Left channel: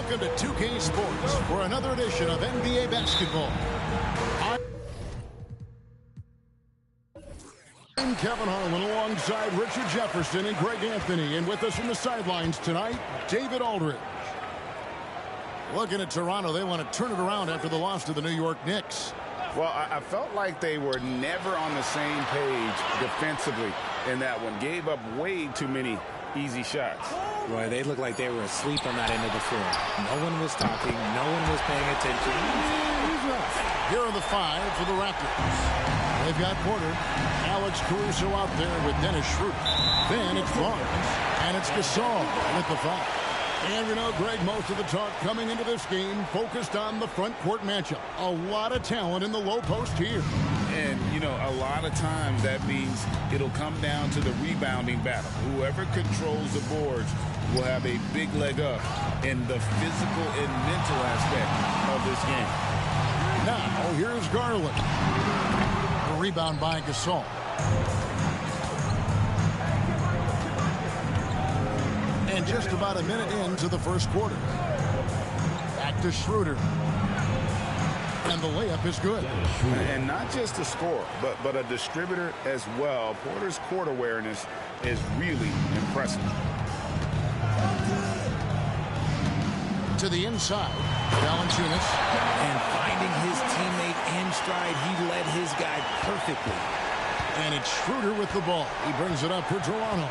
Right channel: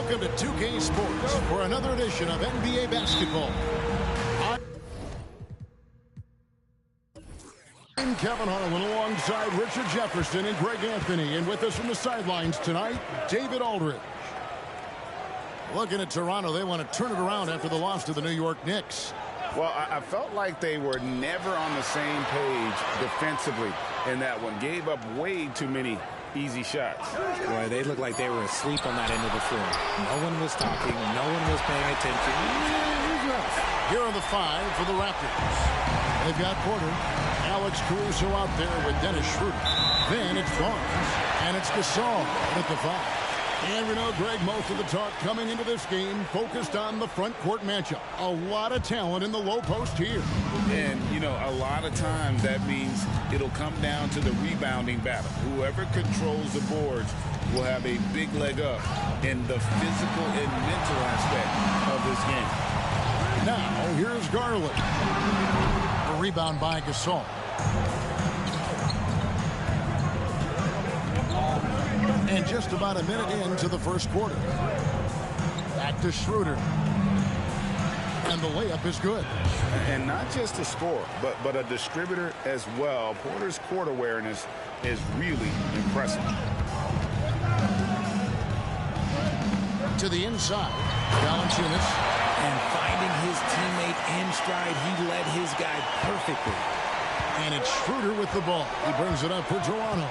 Welcome to 2K Sports for another edition of NBA basketball. I'm Kevin Harlan alongside Richard Jefferson and Greg Anthony. And with us from the sidelines tonight, David Aldridge. Looking at Toronto, they want to turn it around after the loss to the New York Knicks. Well, I felt like they were never on the same page defensively in that one. Gave up way too many easy shots. Boy, they looked like they were asleep on that end of the floor. No one was talking. No one was paying attention. It was rough. Here are the five for the Raptors. They've got Porter, Alex Caruso out there with Dennis Schroeder. Then it's Barnes, and it's Gasol at the five. And we know, Greg, most of the talk coming into this game focused on the front court matchup. A lot of talent in the low post here. And, you know, a lot of times that means it'll come down to the rebounding battle. Whoever controls the boards will have a big leg up in the physical and mental aspect of this game. Now, here's Garland. A rebound by Gasol. And just about a minute into the first quarter. Back to Schroeder. And the layup is good. And not just a scorer, but a distributor as well. Porter's court awareness is really impressive. To the inside, Valanciunas. And finding his teammate in stride, he led his guy perfectly. And it's Schroeder with the ball. He brings it up for Toronto.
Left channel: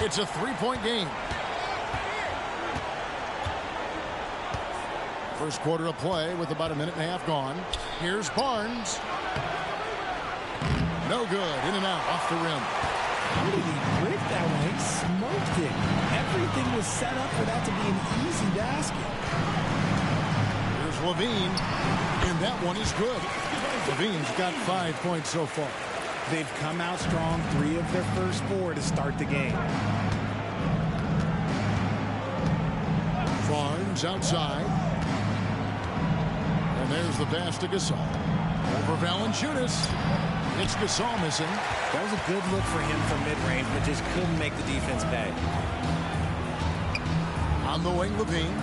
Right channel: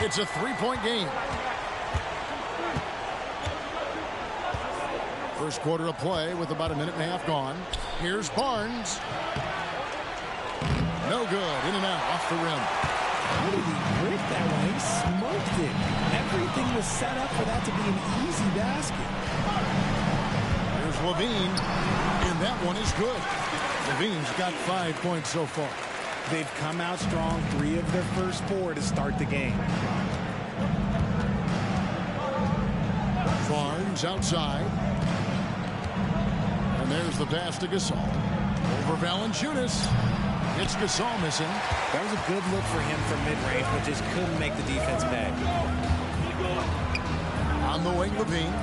It's a three-point game. First quarter of play with about a minute and a half gone. Here's Barnes. No good. In and out off the rim. How did he break that one? He smoked it. Everything was set up for that to be an easy basket. Here's Levine. And that one is good. Levine's got 5 points so far. They've come out strong, 3 of their first 4 to start the game. Barnes outside. And there's the pass to Gasol. Over Valanciunas. It's Gasol missing. That was a good look for him from mid-range, but just couldn't make the defense pay. On the wing, Levine.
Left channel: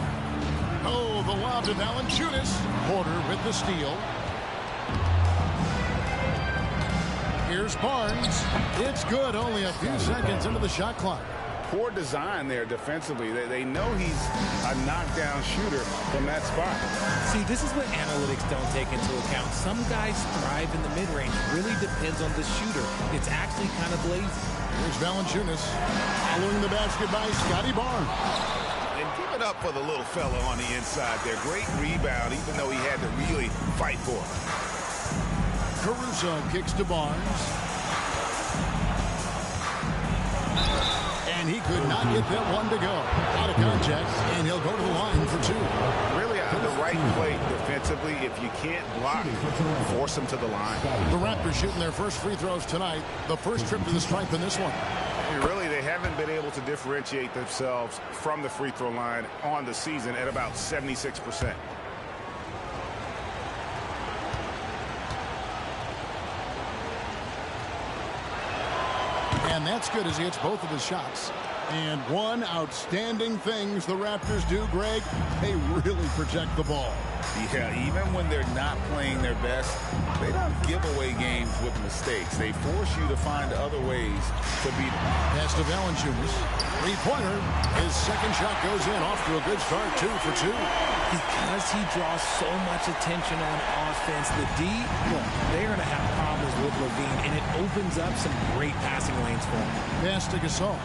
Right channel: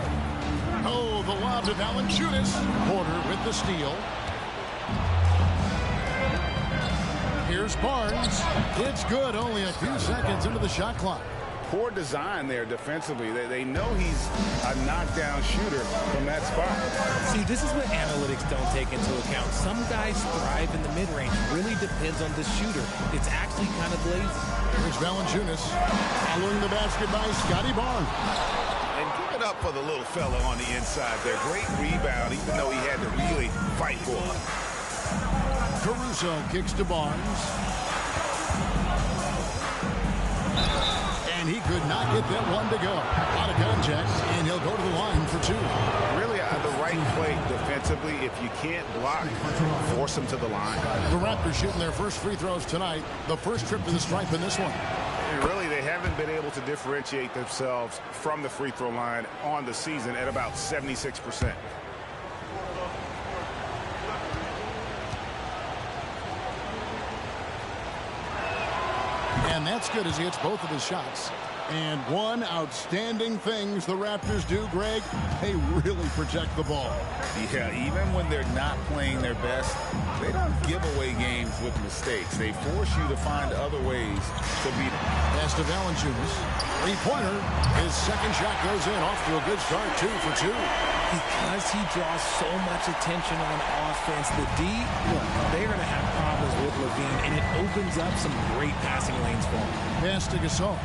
Oh, the lob to Valanciunas. Porter with the steal. Here's Barnes. It's good. Only a few seconds into the shot clock. Poor design there defensively. They know he's a knockdown shooter from that spot. See, this is what analytics don't take into account. Some guys thrive in the mid-range. Really depends on the shooter. It's actually kind of lazy. Here's Valanciunas. Following the basket by Scotty Barnes. And give it up for the little fella on the inside there. Great rebound, even though he had to really fight for it. Caruso kicks to Barnes. And he could not get that one to go. Out of contact, and he'll go to the line for 2. Really the right play defensively. If you can't block, force him to the line. The Raptors shooting their first free throws tonight. The first trip to the stripe in this one. And really, they haven't been able to differentiate themselves from the free throw line on the season at about 76%. And that's good as he hits both of his shots. And one outstanding things the Raptors do, Greg, they really protect the ball. Yeah, even when they're not playing their best, they don't give away games with mistakes. They force you to find other ways to beat them. Pass to Valanciunas. Three-pointer. His second shot goes in. Off to a good start, 2 for 2. Because he draws so much attention on offense, the D, look, they're going to have problems with Levine, and it opens up some great passing lanes for him. Pass to Gasol.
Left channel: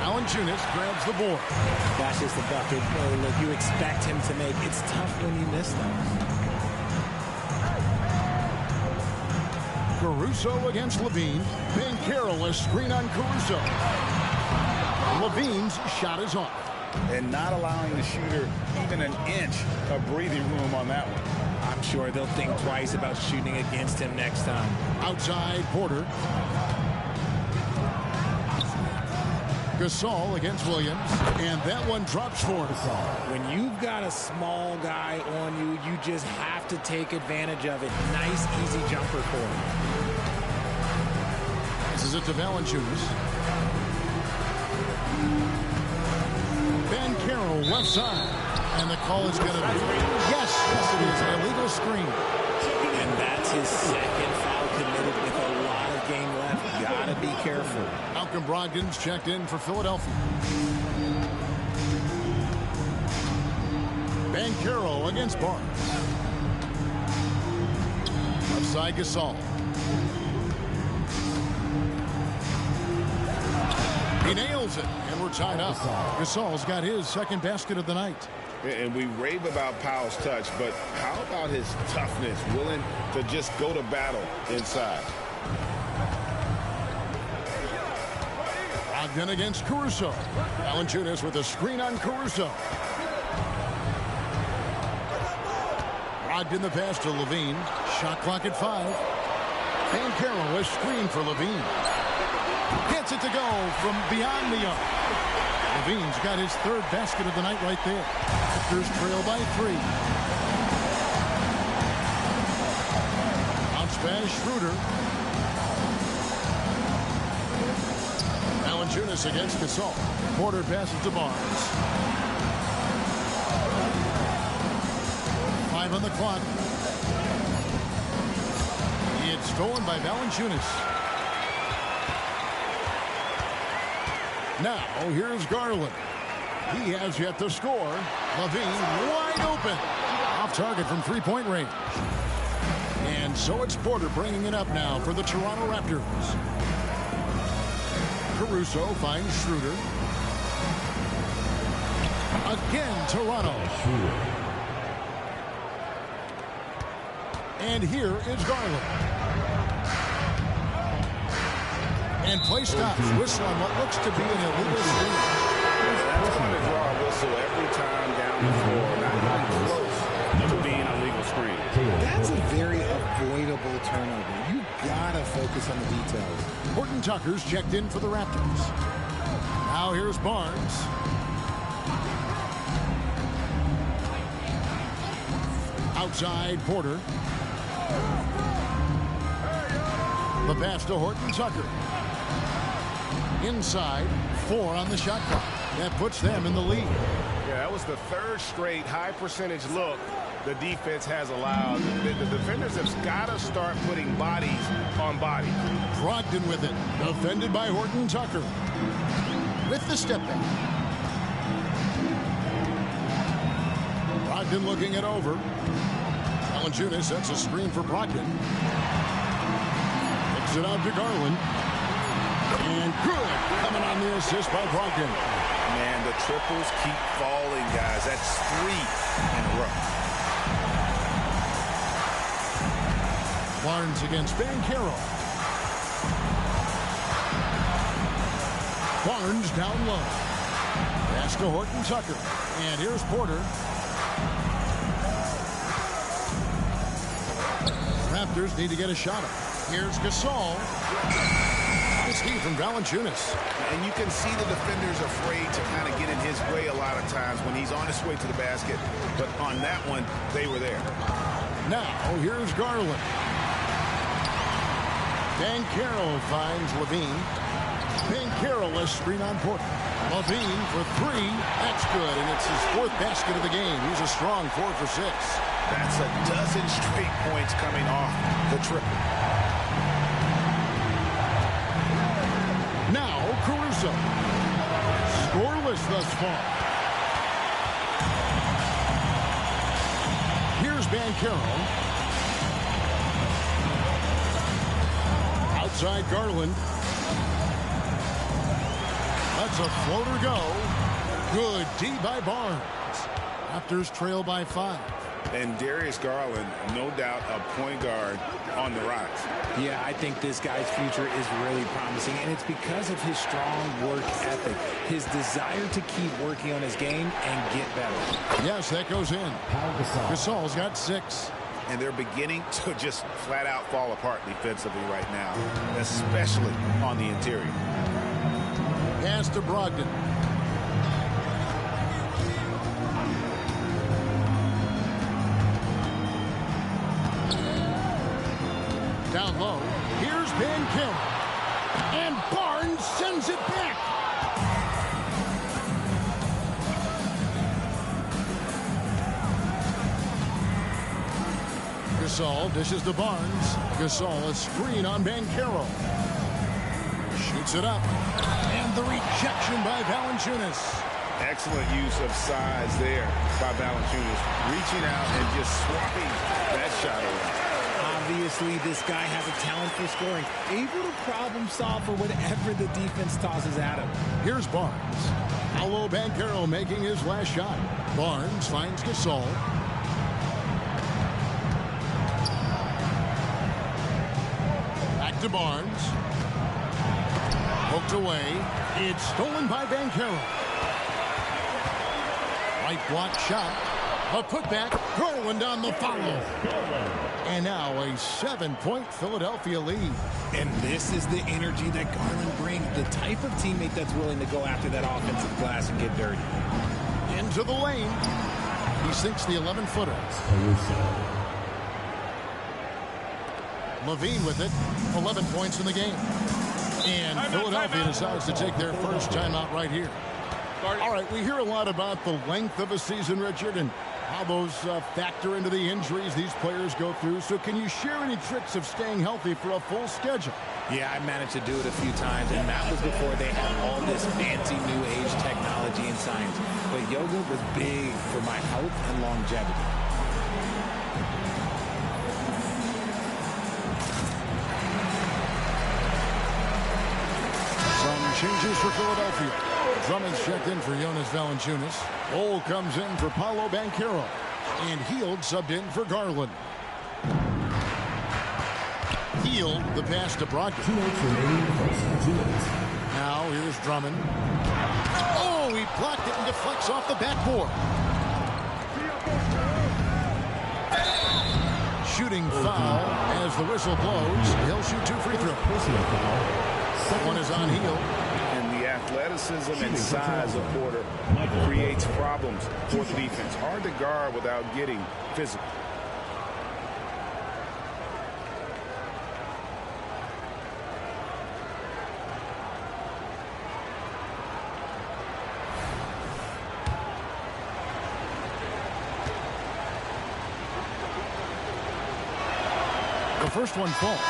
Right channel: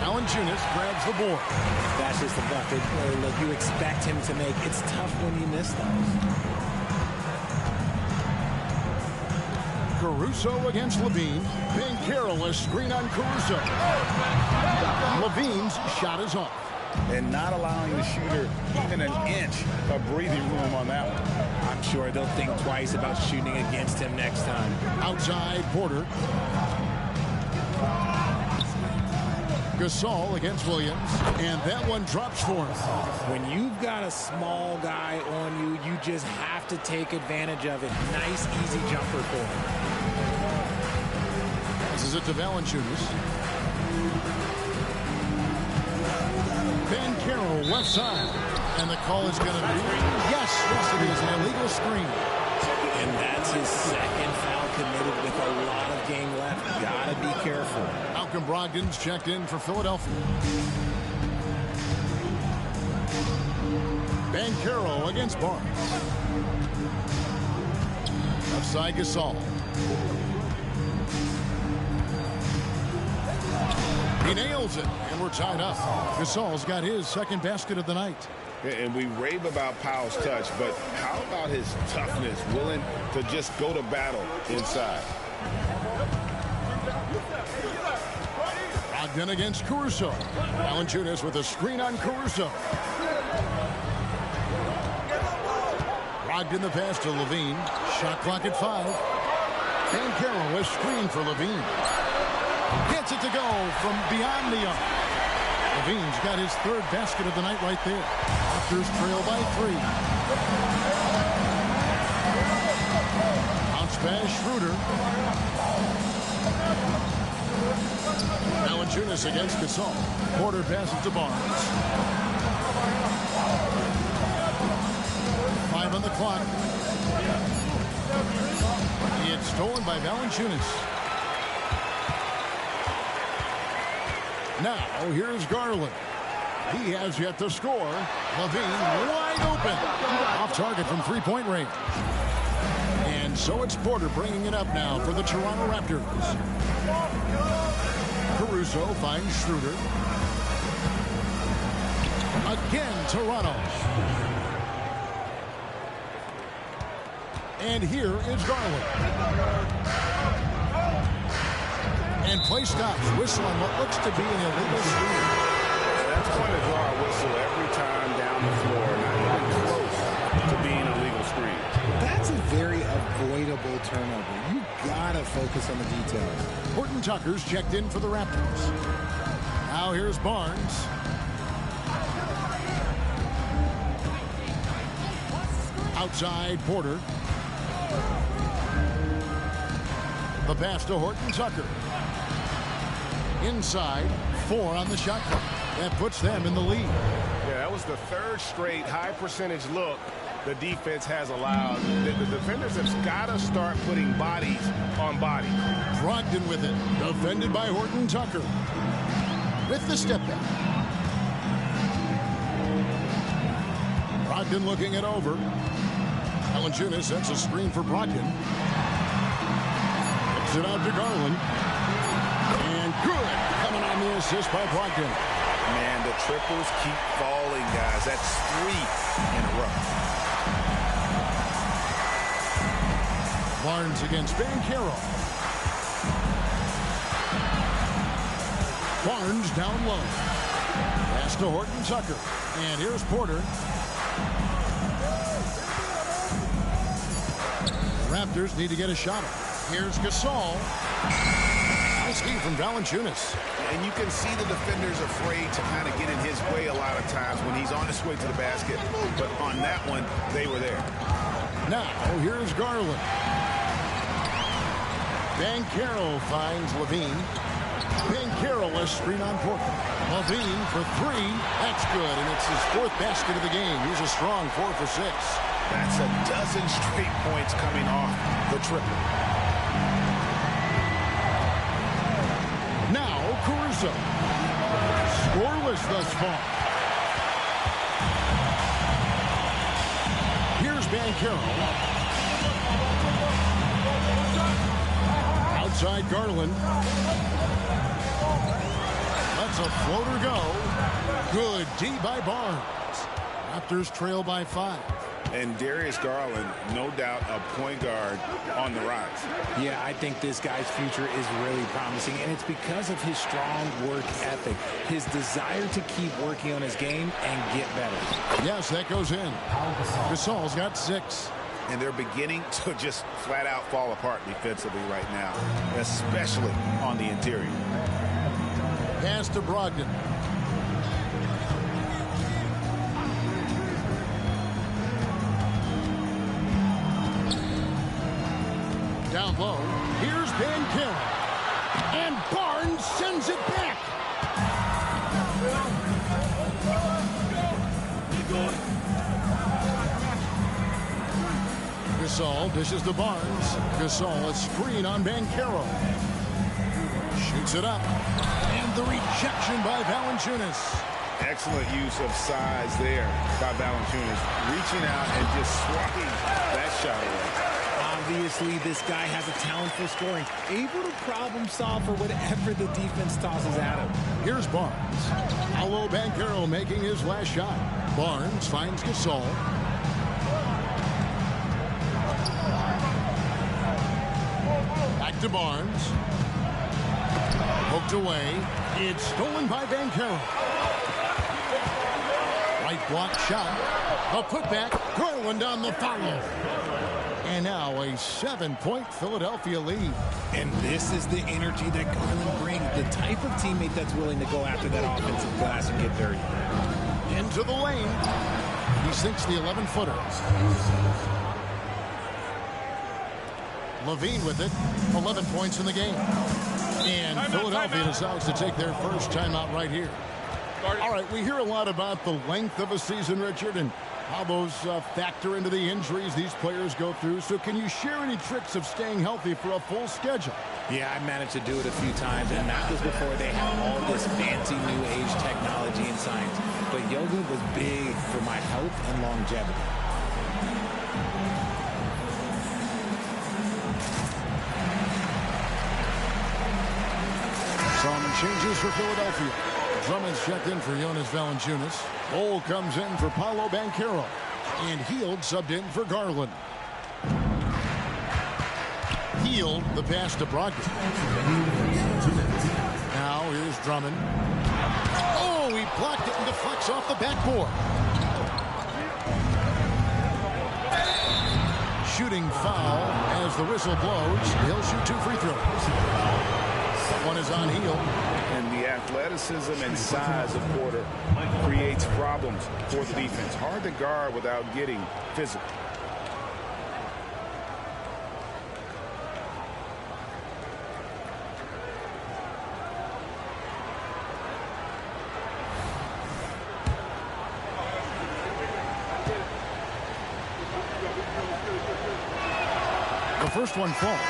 Valanciunas grabs the board. That's just the bucket. Look, you expect him to make. It's tough when you miss those. Caruso against Levine. Being careless, screen on Caruso. Levine's shot is off. And not allowing the shooter even an inch of breathing room on that one. I'm sure they'll think twice about shooting against him next time. Outside, Porter. Gasol against Williams, and that one drops for him. When you've got a small guy on you, you just have to take advantage of it. Nice, easy jumper for him. Passes it to Valanciunas. Ben Carroll, left side. And the call is going to be, yes, it is, an illegal screen. And that's his second foul committed with a lot of game left. Gotta be careful. Malcolm Brogdon's checked in for Philadelphia. Ben Carroll against Barnes. Left side, Gasol. He nails it, and we're tied up. Gasol's got his second basket of the night. And we rave about Powell's touch, but how about his toughness, willing to just go to battle inside? Brogdon against Caruso. Valanciunas with a screen on Caruso. Brogdon the pass to Levine. Shot clock at 5. Van Carroll with screen for Levine. Gets it to go from beyond the arc. Levine's got his third basket of the night right there. Raptors trail by 3. Bounce pass, Schroeder. Valanciunas against Gasol. Porter passes to Barnes. 5 on the clock. It's stolen by Valanciunas. Now, here's Garland. He has yet to score. Levine wide open. Off target from three-point range. And so it's Porter bringing it up now for the Toronto Raptors. Caruso finds Schroeder. Again, Toronto. And here is Garland. And play stops. Whistle on what looks to be an illegal screen. That's going to draw a whistle every time down the floor. Not even close to being a legal screen. That's a very avoidable turnover. You gotta focus on the details. Horton Tucker's checked in for the Raptors. Now here's Barnes. Outside, Porter. The pass to Horton Tucker. Inside, 4 on the shot clock. That puts them in the lead. Yeah, that was the third straight high percentage look the defense has allowed. The defenders have got to start putting bodies on bodies. Brogdon with it. Defended by Horton Tucker. With the step back. Brogdon looking it over. Valanciunas sets a screen for Brogdon. Kicks it out to Garland. And good. Coming on the assist by Brogdon. Man, the triples keep falling, guys. That's 3 in a row. Barnes against Van Carroll. Barnes down low. Pass to Horton Tucker. And here's Porter. The Raptors need to get a shot up. Here's Gasol. Nice D from Valanciunas. And you can see the defenders afraid to kind of get in his way a lot of times when he's on his way to the basket. But on that one, they were there. Now, here's Garland. Van Carroll finds Levine. Van Carroll a screen on Porter. Levine for 3. That's good, and it's his 4th basket of the game. He's a strong 4 for 6. That's a dozen straight points coming off the triple. Now, Caruso. Scoreless thus far. Here's Van Carroll. Outside Garland. Lets a floater go. Good D by Barnes. Raptors trail by 5. And Darius Garland, no doubt a point guard on the rise. Yeah, I think this guy's future is really promising, and it's because of his strong work ethic, his desire to keep working on his game and get better. Yes, that goes in. Gasol's got 6. And they're beginning to just flat out fall apart defensively right now, especially on the interior. Pass to Brogdon. Down low, here's Van Carroll. And Barnes sends it back. Gasol dishes to Barnes. Gasol, a screen on Banchero. Shoots it up. And the rejection by Valanciunas. Excellent use of size there by Valanciunas, reaching out and just swatting that shot away. Obviously, this guy has a talent for scoring, able to problem solve for whatever the defense tosses at him. Here's Barnes. Paolo Banchero making his last shot. Barnes finds Gasol. Back to Barnes. Poked away. It's stolen by Banchero. Right block shot. A putback. Garland on the follow. And now a 7-point Philadelphia lead. And this is the energy that Garland brings. The type of teammate that's willing to go after that offensive glass and get dirty. Into the lane. He sinks the 11-footer. Levine with it. 11 points in the game. And Philadelphia decides to take their first timeout right here. All right, we hear a lot about the length of a season, Richard, and how those factor into the injuries these players go through. So can you share any tricks of staying healthy for a full schedule? Yeah, I managed to do it a few times, and that was before they had all this fancy new age technology and science. But yoga was big for my health and longevity. Some changes for Philadelphia. Drummond's checked in for Jonas Valanciunas. Cole comes in for Paolo Banchero. And Hield subbed in for Garland. Hield the pass to Brogdon. Now here's Drummond. Oh, he blocked it and deflects off the backboard. Shooting foul as the whistle blows. He'll shoot 2 free throws. One is on Hield. And the athleticism and size of Porter creates problems for the defense. Hard to guard without getting physical. The first one falls.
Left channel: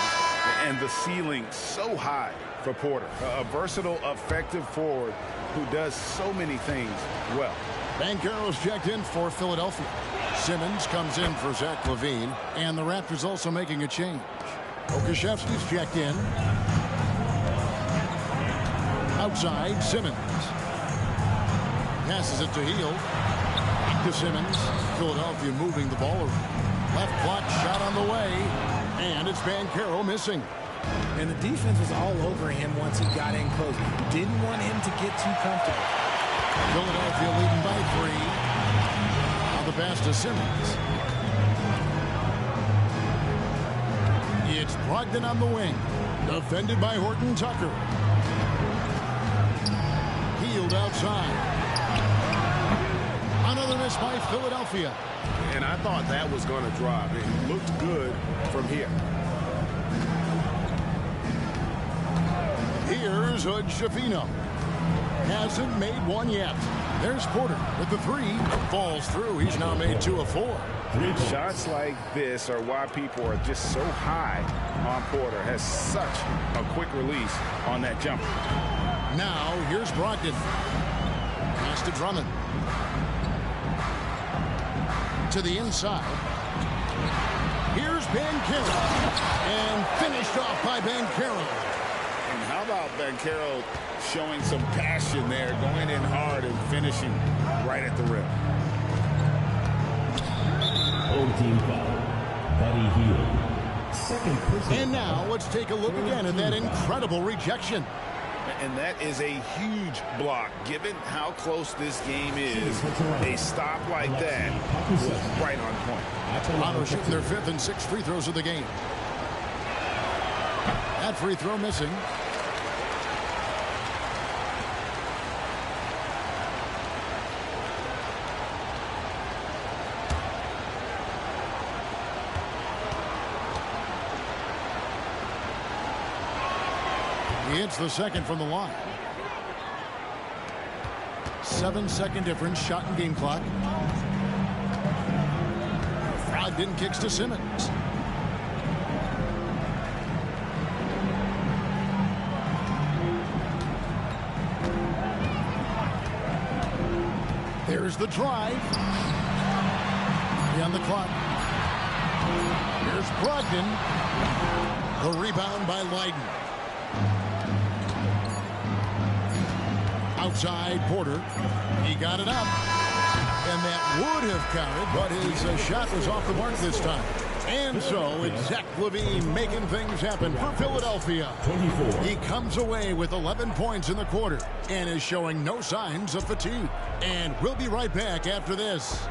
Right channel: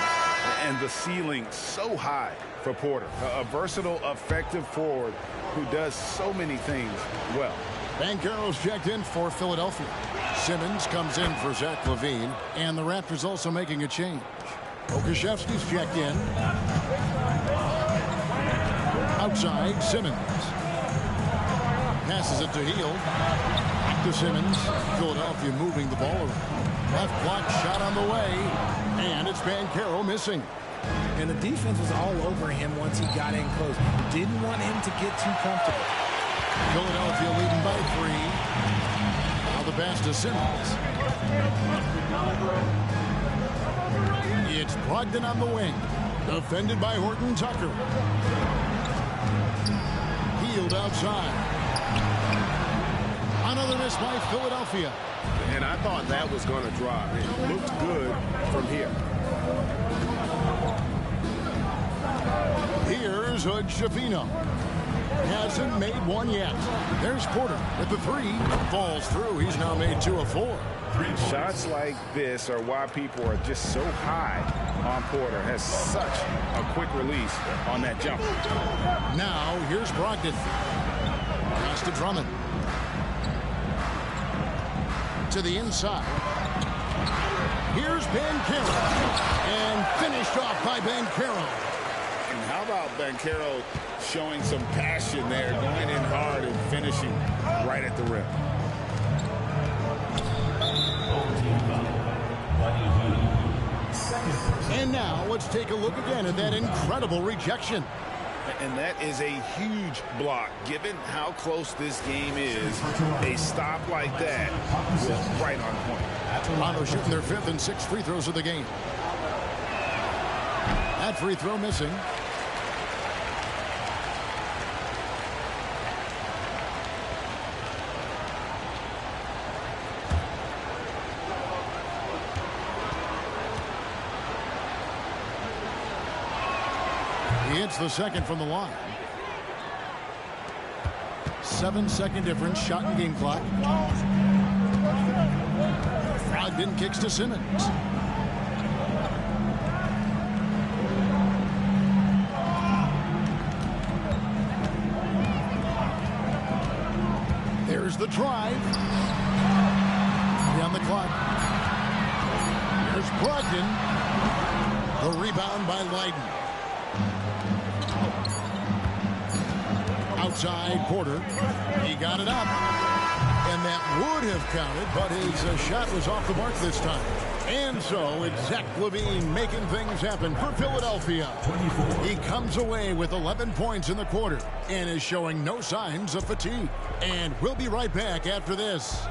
And the ceiling so high for Porter. A versatile, effective forward who does so many things well. Banchero's checked in for Philadelphia. Simmons comes in for Zach LaVine. And the Raptors also making a change. Okashevsky's checked in. Outside, Simmons. Passes it to Hield. Back to Simmons. Philadelphia moving the ball around. Left block shot on the way. And it's Banchero missing. And the defense was all over him once he got in close. Didn't want him to get too comfortable. Philadelphia leading by 3. Now the pass to Simmons. It's Brogdon on the wing. Defended by Horton Tucker. Hield outside. Another miss by Philadelphia. And I thought that was going to drop. It looked good from here. Here's Hood-Schifino. Hasn't made one yet. There's Porter with the 3. Falls through. He's now made 2 of 4. Shots like this are why people are just so high on Porter. Has such a quick release on that jumper. Now here's Brogdon. Pass to Drummond. To the inside. Here's Banchero. And finished off by Banchero. And how about Banchero showing some passion there, going in hard and finishing right at the rim. Buddy Hield. Second person. And now let's take a look again at that incredible rejection. And that is a huge block. Given how close this game is, a stop like that was right on point. Toronto shooting their 5th and 6th free throws of the game. That free throw missing. He hits the second from the line. 7-second difference, shot and game clock. Brogdon kicks to Simmons. There's the drive. On the clock. Here's Brogdon. The rebound by Leiden. Outside Porter. He got it up. And that would have counted, but his shot was off the mark this time. And so it's Zach LaVine making things happen for Philadelphia. 24. He comes away with 11 points in the quarter and is showing no signs of fatigue. And we'll be right back after this.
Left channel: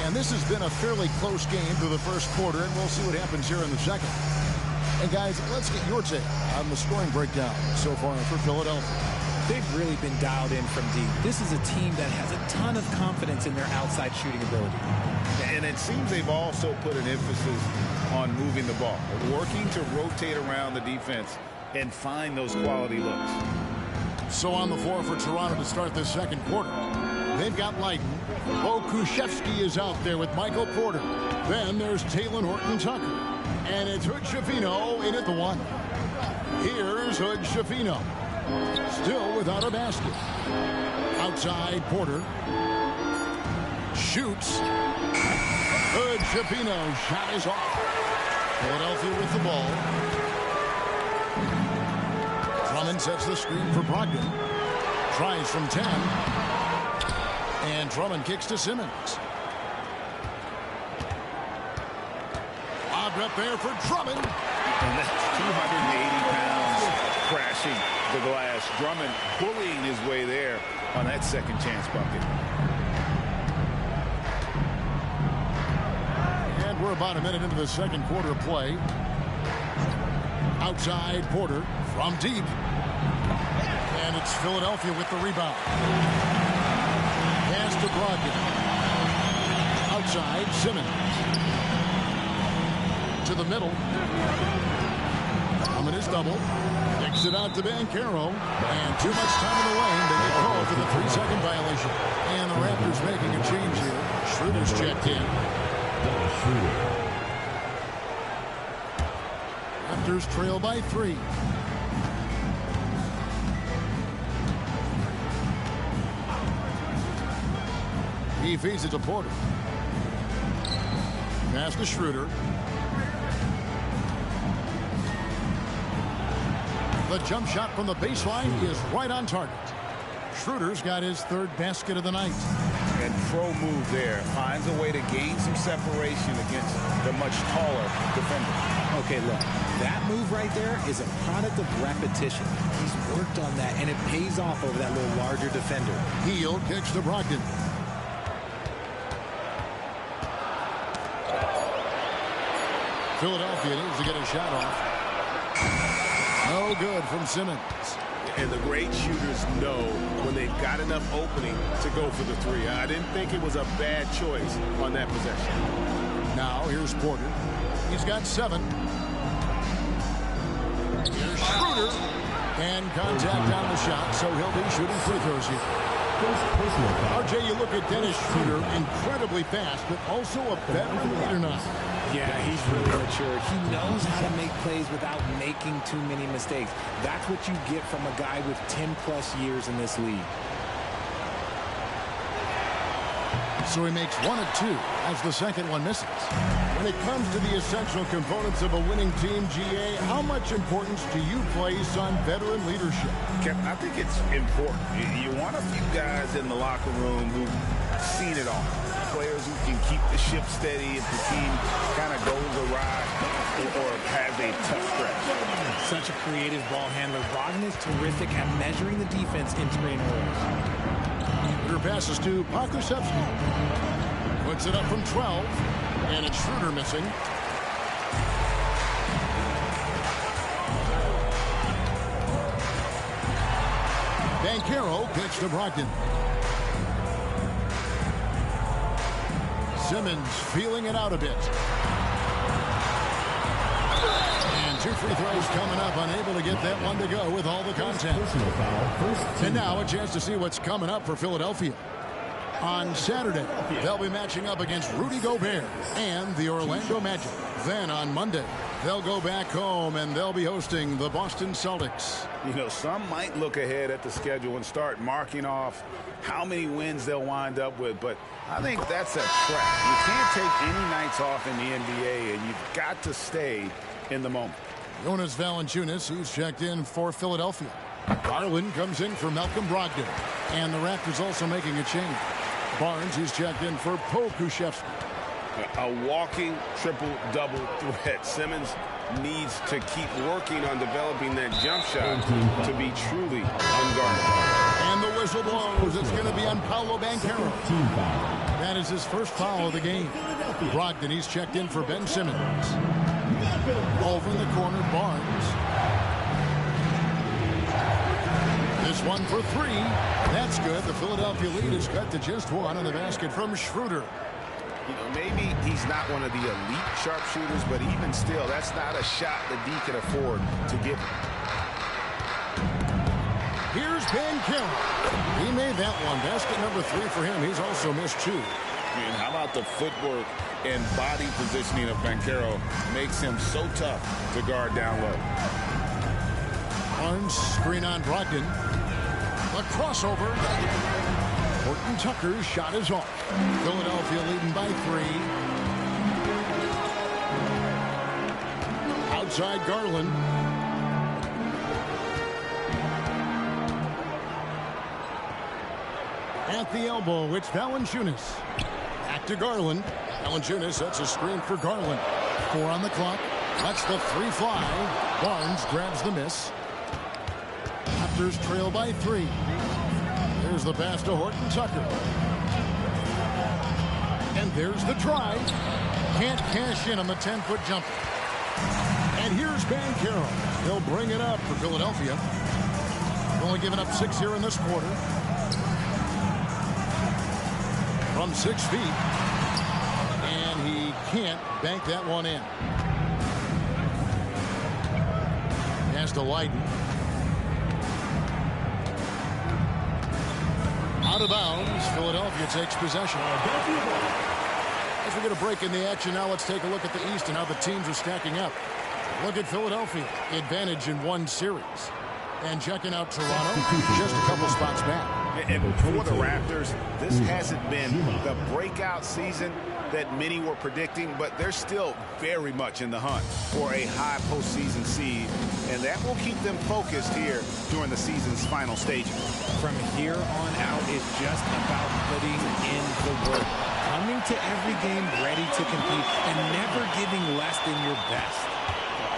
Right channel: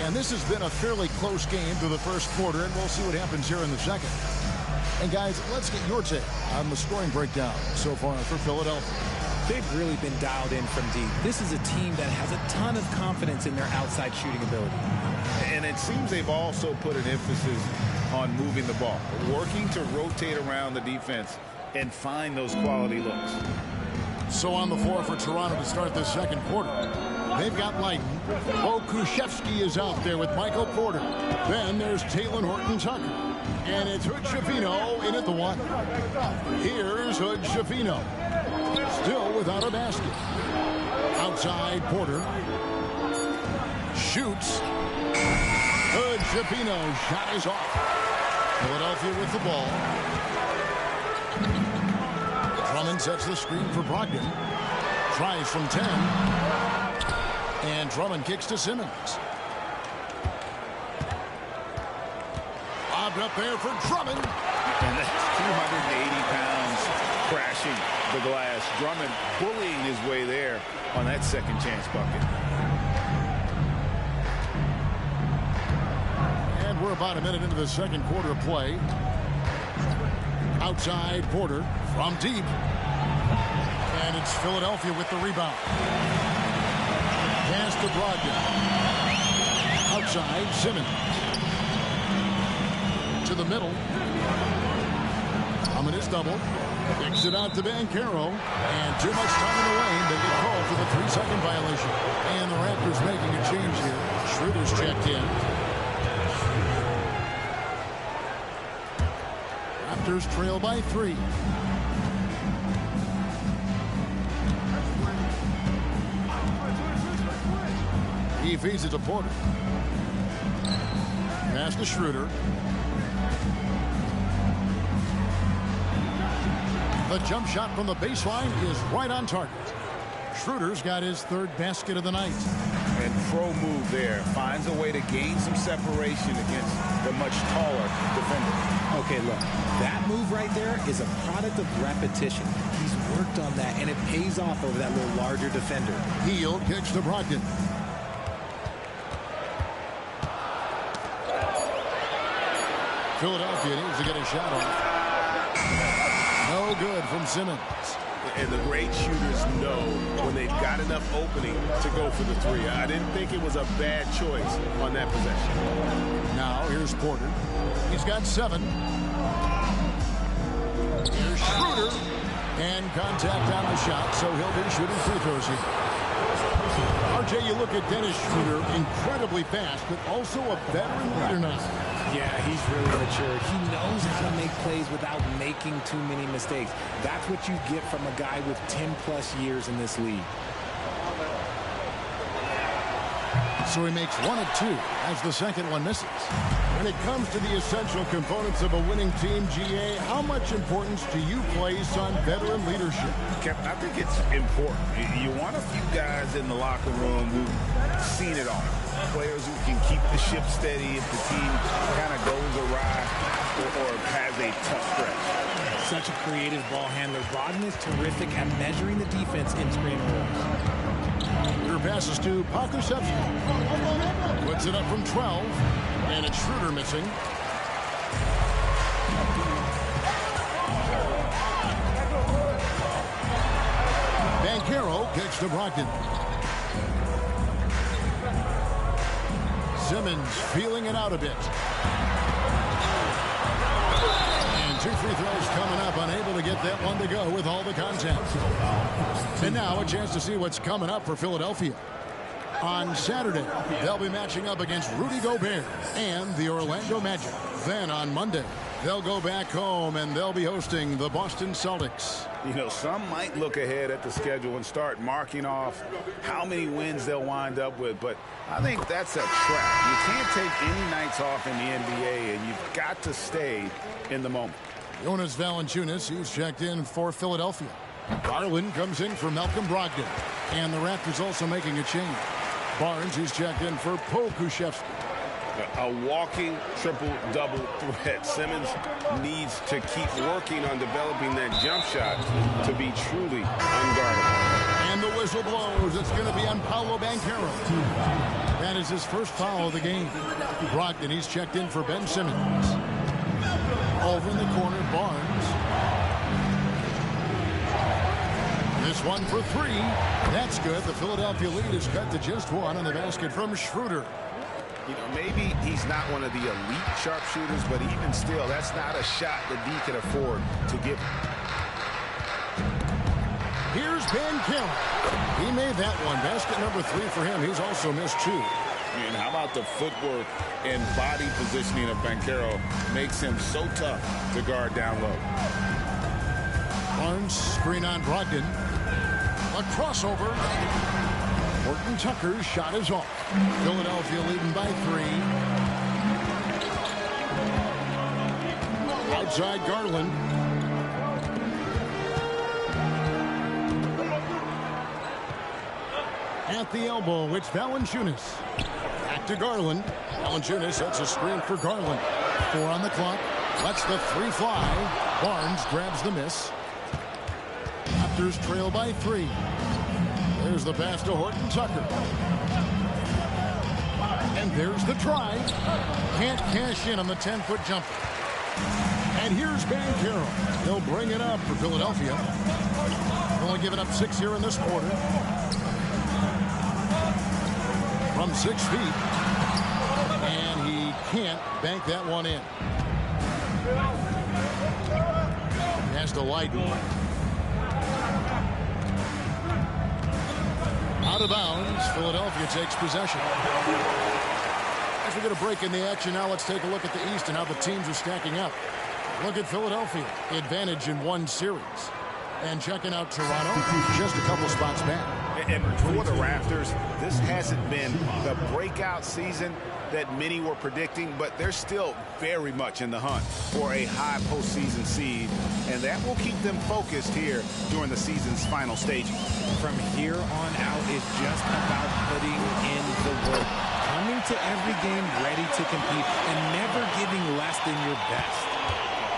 And this has been a fairly close game through the first quarter, and we'll see what happens here in the second. And guys, let's get your take on the scoring breakdown so far for Philadelphia. They've really been dialed in from deep. This is a team that has a ton of confidence in their outside shooting ability. And it seems they've also put an emphasis on moving the ball, working to rotate around the defense and find those quality looks. So on the floor for Toronto to start this second quarter, they've got Leiden. Kuszewski is out there with Michael Porter. Then there's Talen Horton-Tucker. And it's Hood-Schifino in at the one. Here's Hood-Schifino. Still without a basket. Outside Porter. Shoots. Hood-Schifino. Shot is off. Philadelphia with the ball. Drummond sets the screen for Brogdon. Tries from 10. And Drummond kicks to Simmons. Lobbed up there for Drummond. And that's 280 pounds crashing the glass. Drummond bullying his way there on that second chance bucket. And we're about a minute into the second quarter of play. Outside Porter from deep. And it's Philadelphia with the rebound. Pass to Brogdon. Outside Simmons. To the middle. Drummond is double. Kicks it out to Banchero. And too much time in the lane. They get called for the 3-second violation. And the Raptors making a change here. Schroeder's checked in. Raptors trail by 3. He feeds it to Porter. Pass to Schroeder. The jump shot from the baseline is right on target. Schroeder's got his third basket of the night. And pro move there. Finds a way to gain some separation against the much taller defender. Okay, look, that move right there is a product of repetition. He's worked on that, and it pays off over that little larger defender. Hield kicks to Brogdon. Philadelphia needs to get a shot off. No good from Simmons. And the great shooters know when they've got enough opening to go for the three. I didn't think it was a bad choice on that possession. Now here's Porter. He's got 7. Here's Schroeder. And contact on the shot, so he'll be shooting free throws here. RJ, you look at Dennis Schroeder, incredibly fast, but also a veteran leader now. Yeah, he's really matured. He knows how to make plays without making too many mistakes. That's what you get from a guy with 10-plus years in this league. So he makes 1 of 2 as the second one misses. When it comes to the essential components of a winning team, GA, how much importance do you place on veteran leadership? Kevin, I think it's important. You want a few guys in the locker room who've seen it all. Players who can keep the ship steady if the team kind of goes awry or has a tough stretch. Such a creative ball handler. Brogdon is terrific at measuring the defense in screen rolls. Schroeder passes to Kuszewski. Puts it up from 12. And it's Schroeder missing. Banchero kicks to Brogdon. Simmons feeling it out a bit. And And 2 free throws coming up, unable to get that one to go with all the contact. And now a chance to see what's coming up for Philadelphia. On Saturday, they'll be matching up against Rudy Gobert and the Orlando Magic. Then on Monday, they'll go back home and they'll be hosting the Boston Celtics. You know, some might look ahead at the schedule and start marking off how many wins they'll wind up with, but I think that's a trap. You can't take any nights off in the NBA, and you've got to stay in the moment. Jonas Valanciunas, he's checked in for Philadelphia. Garland comes in for Malcolm Brogdon. And the Raptors also making a change. Barnes, he's checked in for Pokuševski. A walking triple-double threat. Simmons needs to keep working on developing that jump shot to be truly unguardable. And the whistle blows. It's going to be on Paolo Banchero. That is his first foul of the game. Brogdon, he's checked in for Ben Simmons. Over in the corner, Barnes. This one for 3. That's good. The Philadelphia lead is cut to just 1 on the basket from Schroeder. You know, maybe he's not one of the elite sharpshooters, but even still, that's not a shot that D can afford to give him. Here's Banchero. He made that one. Basket number 3 for him. He's also missed 2. And how about the footwork and body positioning of Banchero makes him so tough to guard down low. Barnes, screen on Brogdon. A crossover. Horton Tucker's shot is off. Philadelphia leading by 3. Outside Garland. At the elbow, it's Valanciunas. Back to Garland. Valanciunas sets a screen for Garland. 4 on the clock. Lets the 3 fly. Barnes grabs the miss. Raptors trail by 3. There's the pass to Horton Tucker. And there's the try. Can't cash in on the 10-foot jumper. And here's Banchero. He'll bring it up for Philadelphia. Only given up 6 here in this quarter. From 6 feet. And he can't bank that one in. Pass to Leiden. Out of bounds. Philadelphia takes possession. As we get a break in the action now, let's take a look at the East and how the teams are stacking up. Look at Philadelphia. Advantage in 1 series. And checking out Toronto, just a couple spots back. And for the Raptors, this hasn't been the breakout season that many were predicting, but they're still very much in the hunt for a high postseason seed, and that will keep them focused here during the season's final stages. From here on out, it's just about putting in the work. Coming to every game ready to compete and never giving less than your best.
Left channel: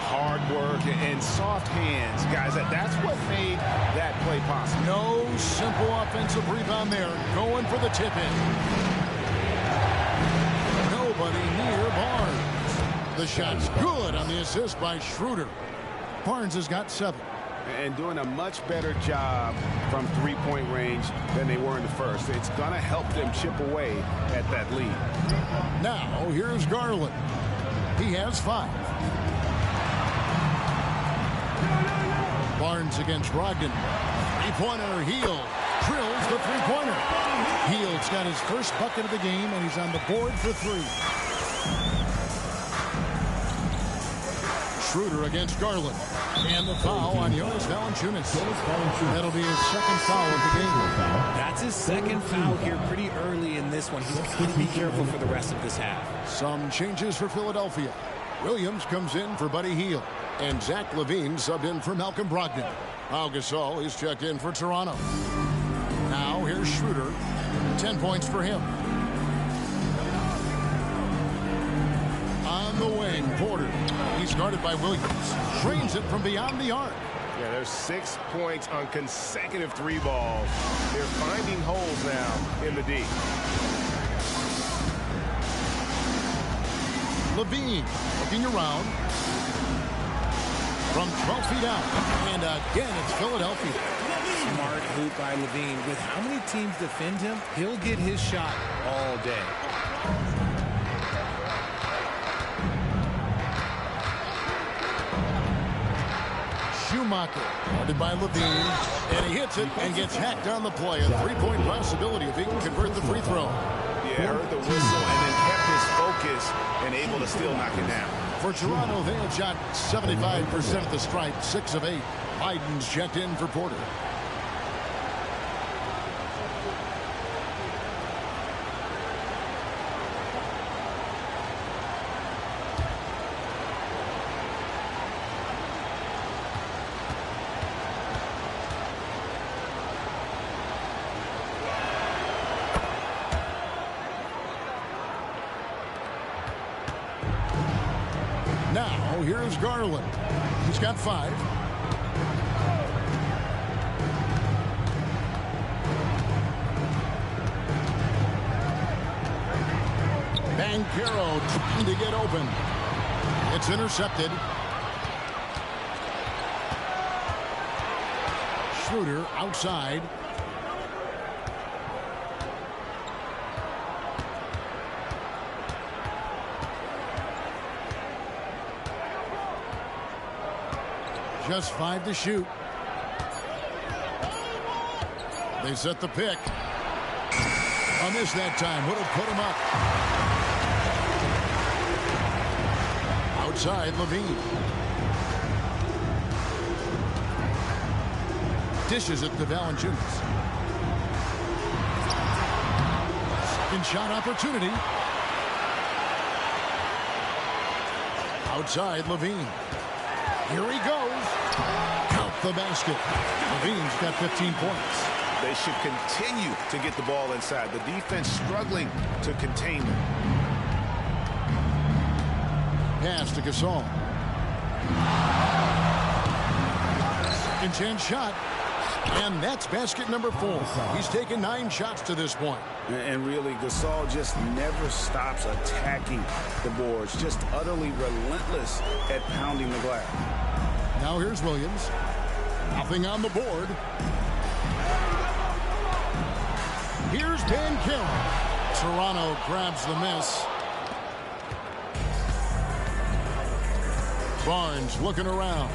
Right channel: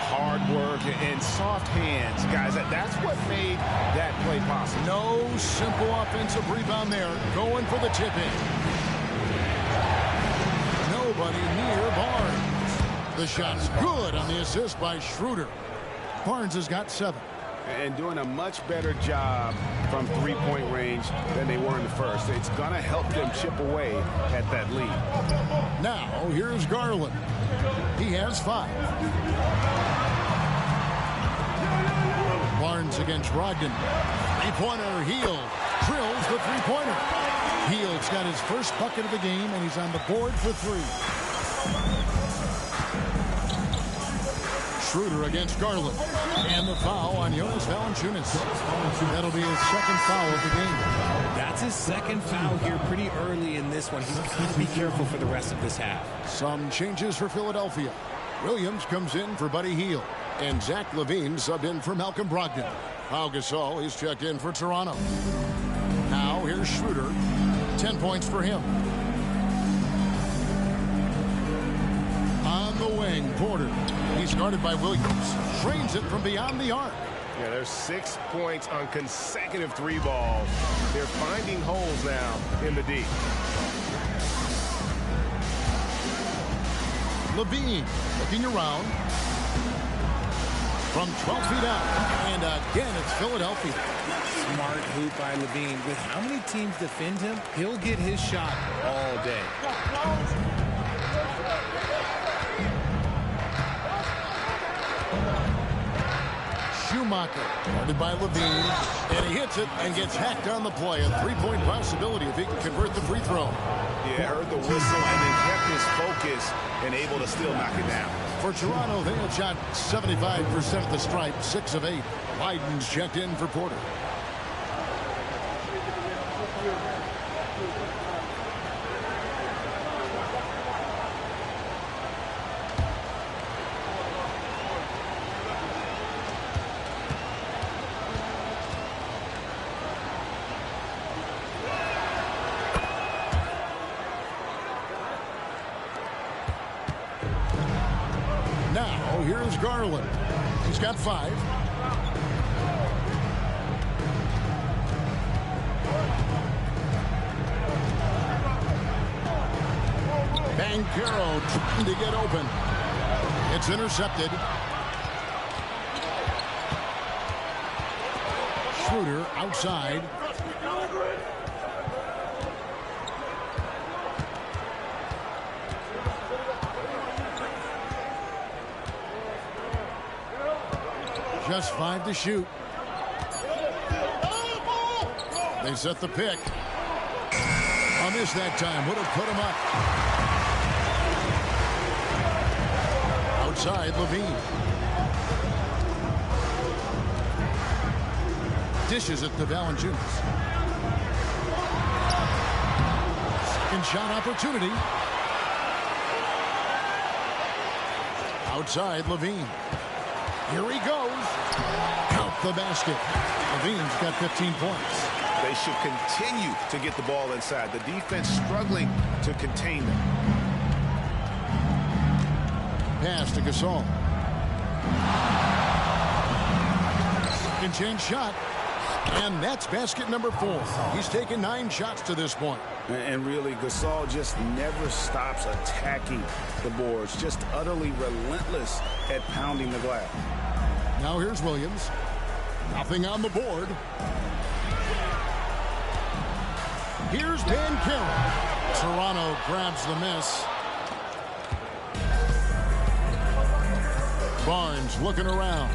Hard work and soft hands, guys. That's what made that play possible. No simple offensive rebound there. Going for the tip-in. Nobody near Barnes. The shot's good on the assist by Schroeder. Barnes has got 7. And doing a much better job from 3-point range than they were in the first. It's going to help them chip away at that lead. Now, here's Garland. He has 5. Barnes against Brogdon. 3-pointer, Hield. Drills the 3-pointer. Hield's got his first bucket of the game, and he's on the board for 3. Schroeder against Garland. And the foul on Jonas Valanciunas. That'll be his second foul of the game. That's his second foul here pretty early in this one. He's got to be careful for the rest of this half. Some changes for Philadelphia. Williams comes in for Buddy Hield. And Zach LaVine subbed in for Malcolm Brogdon. Pau Gasol, he's checked in for Toronto. Now here's Schroeder. 10 points for him. On the wing, Porter. He's guarded by Williams. Trains it from beyond the arc. Yeah, there's 6 points on consecutive 3 balls. They're finding holes now in the D. LaVine looking around. From 12 feet out. And again, it's Philadelphia. Smart hoop by LaVine. With how many teams defend him, he'll get his shot all day. Schumacher, guarded by Levine, and he hits it and gets hacked on the play. A three-point possibility if he can convert the free throw. Yeah, heard the whistle and then kept his focus and able to still knock it down. For Toronto, they have shot 75% at the stripe, 6 of 8. Leiden's checked in for Porter. Now, here's Garland. He's got 5. Banchero trying to get open. It's intercepted. Schroeder outside. Just 5 to shoot. They set the pick. A miss that time would have put him up. Outside, Levine. Dishes it to Valanciunas. Second shot opportunity. Outside, Levine. Here he goes. Count the basket. Levine's got 15 points. They should continue to get the ball inside. The defense struggling to contain them. Pass to Gasol. Second chance shot. And that's basket number 4. He's taken 9 shots to this point. And really, Gasol just never stops attacking the boards. Just utterly relentless at pounding the glass. Now here's Williams. Nothing on the board. Here's Banchero. Toronto grabs the miss. Barnes looking around.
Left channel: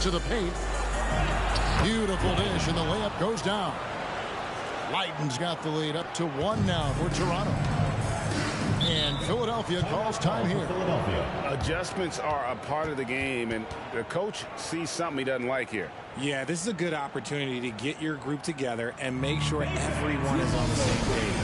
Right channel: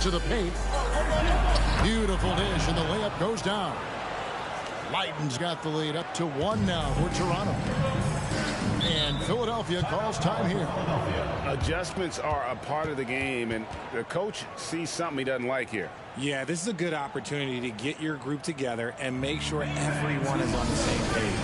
To the paint. Beautiful dish, and the layup goes down. Leiden's got the lead up to 1 now for Toronto. And Philadelphia calls time here. Adjustments are a part of the game, and the coach sees something he doesn't like here. Yeah, this is a good opportunity to get your group together and make sure everyone is on the same page.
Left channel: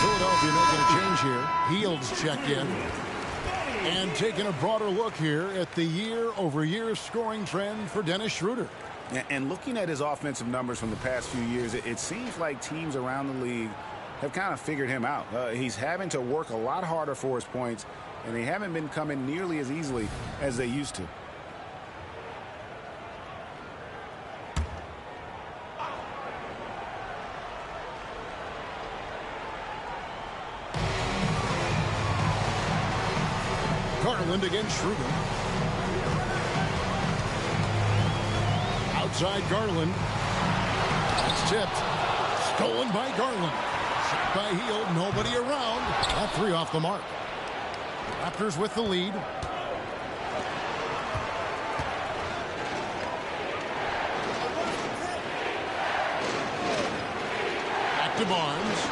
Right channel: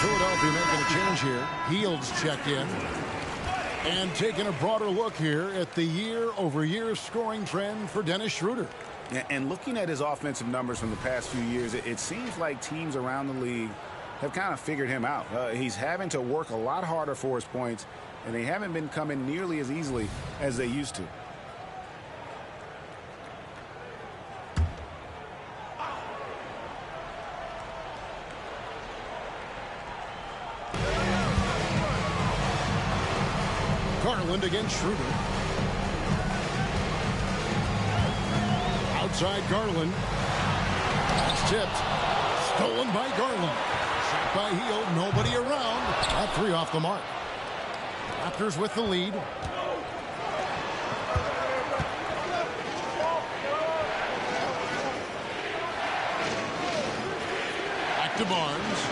Philadelphia making a change here. Heald's checked in. And taking a broader look here at the year-over-year scoring trend for Dennis Schroeder. And looking at his offensive numbers from the past few years, it seems like teams around the league have kind of figured him out. He's having to work a lot harder for his points, and they haven't been coming nearly as easily as they used to. Garland against Schroeder. Outside Garland. That's tipped. Stolen by Garland. Shot by Hield. Nobody around. That 3 off the mark. Raptors with the lead. Back to Barnes.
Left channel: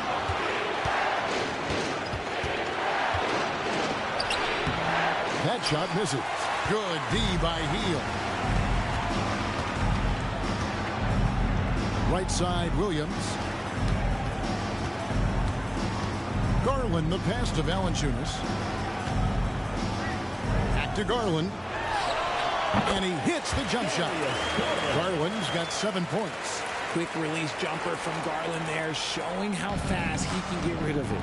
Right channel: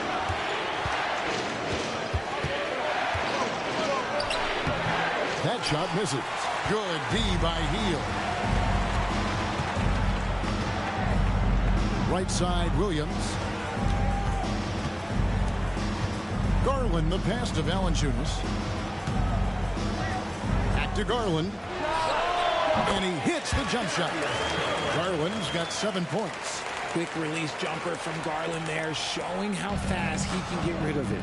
That shot misses. Good D by Hield. Right side, Williams. Garland, the pass to Valanciunas. Back to Garland. And he hits the jump shot. Garland's got 7 points. Quick release jumper from Garland there, showing how fast he can get rid of it.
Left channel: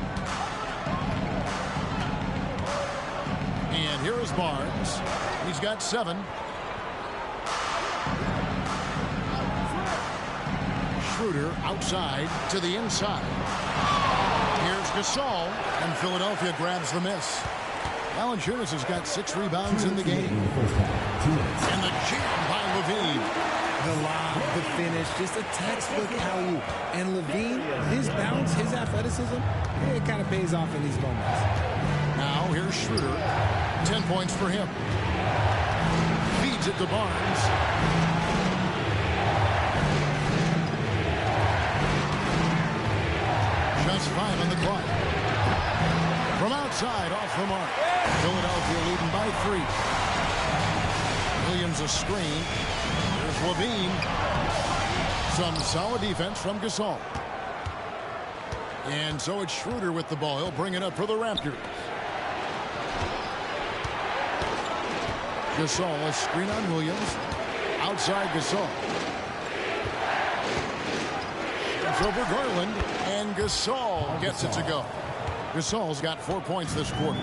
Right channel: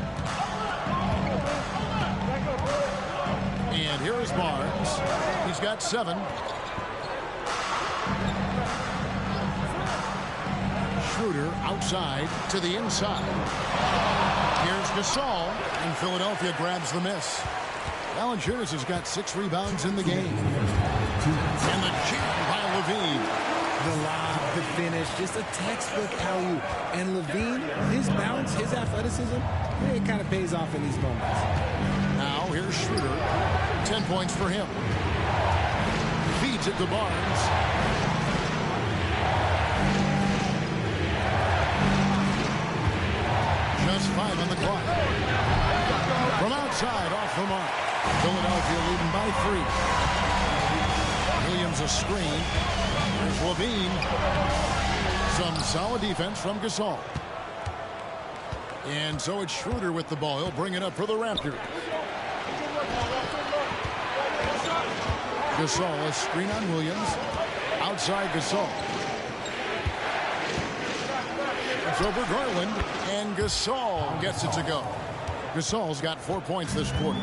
And here is Barnes. He's got 7. Schroeder outside to the inside. Here's Gasol, and Philadelphia grabs the miss. Valanciunas has got 6 rebounds in the game. And the jam by Levine. The lob, the finish, just a textbook alley-oop. And Levine, his bounce, his athleticism, it kind of pays off in these moments. Now here's Schroeder. 10 points for him. Feeds it to Barnes. Just 5 on the clock. From outside, off the mark. Philadelphia leading by 3. Williams a screen. Here's Levine. Some solid defense from Gasol. And so it's Schroeder with the ball. He'll bring it up for the Raptors. Gasol, a screen on Williams. Outside Gasol. It's over Garland. And Gasol gets it to go. Gasol's got 4 points this quarter.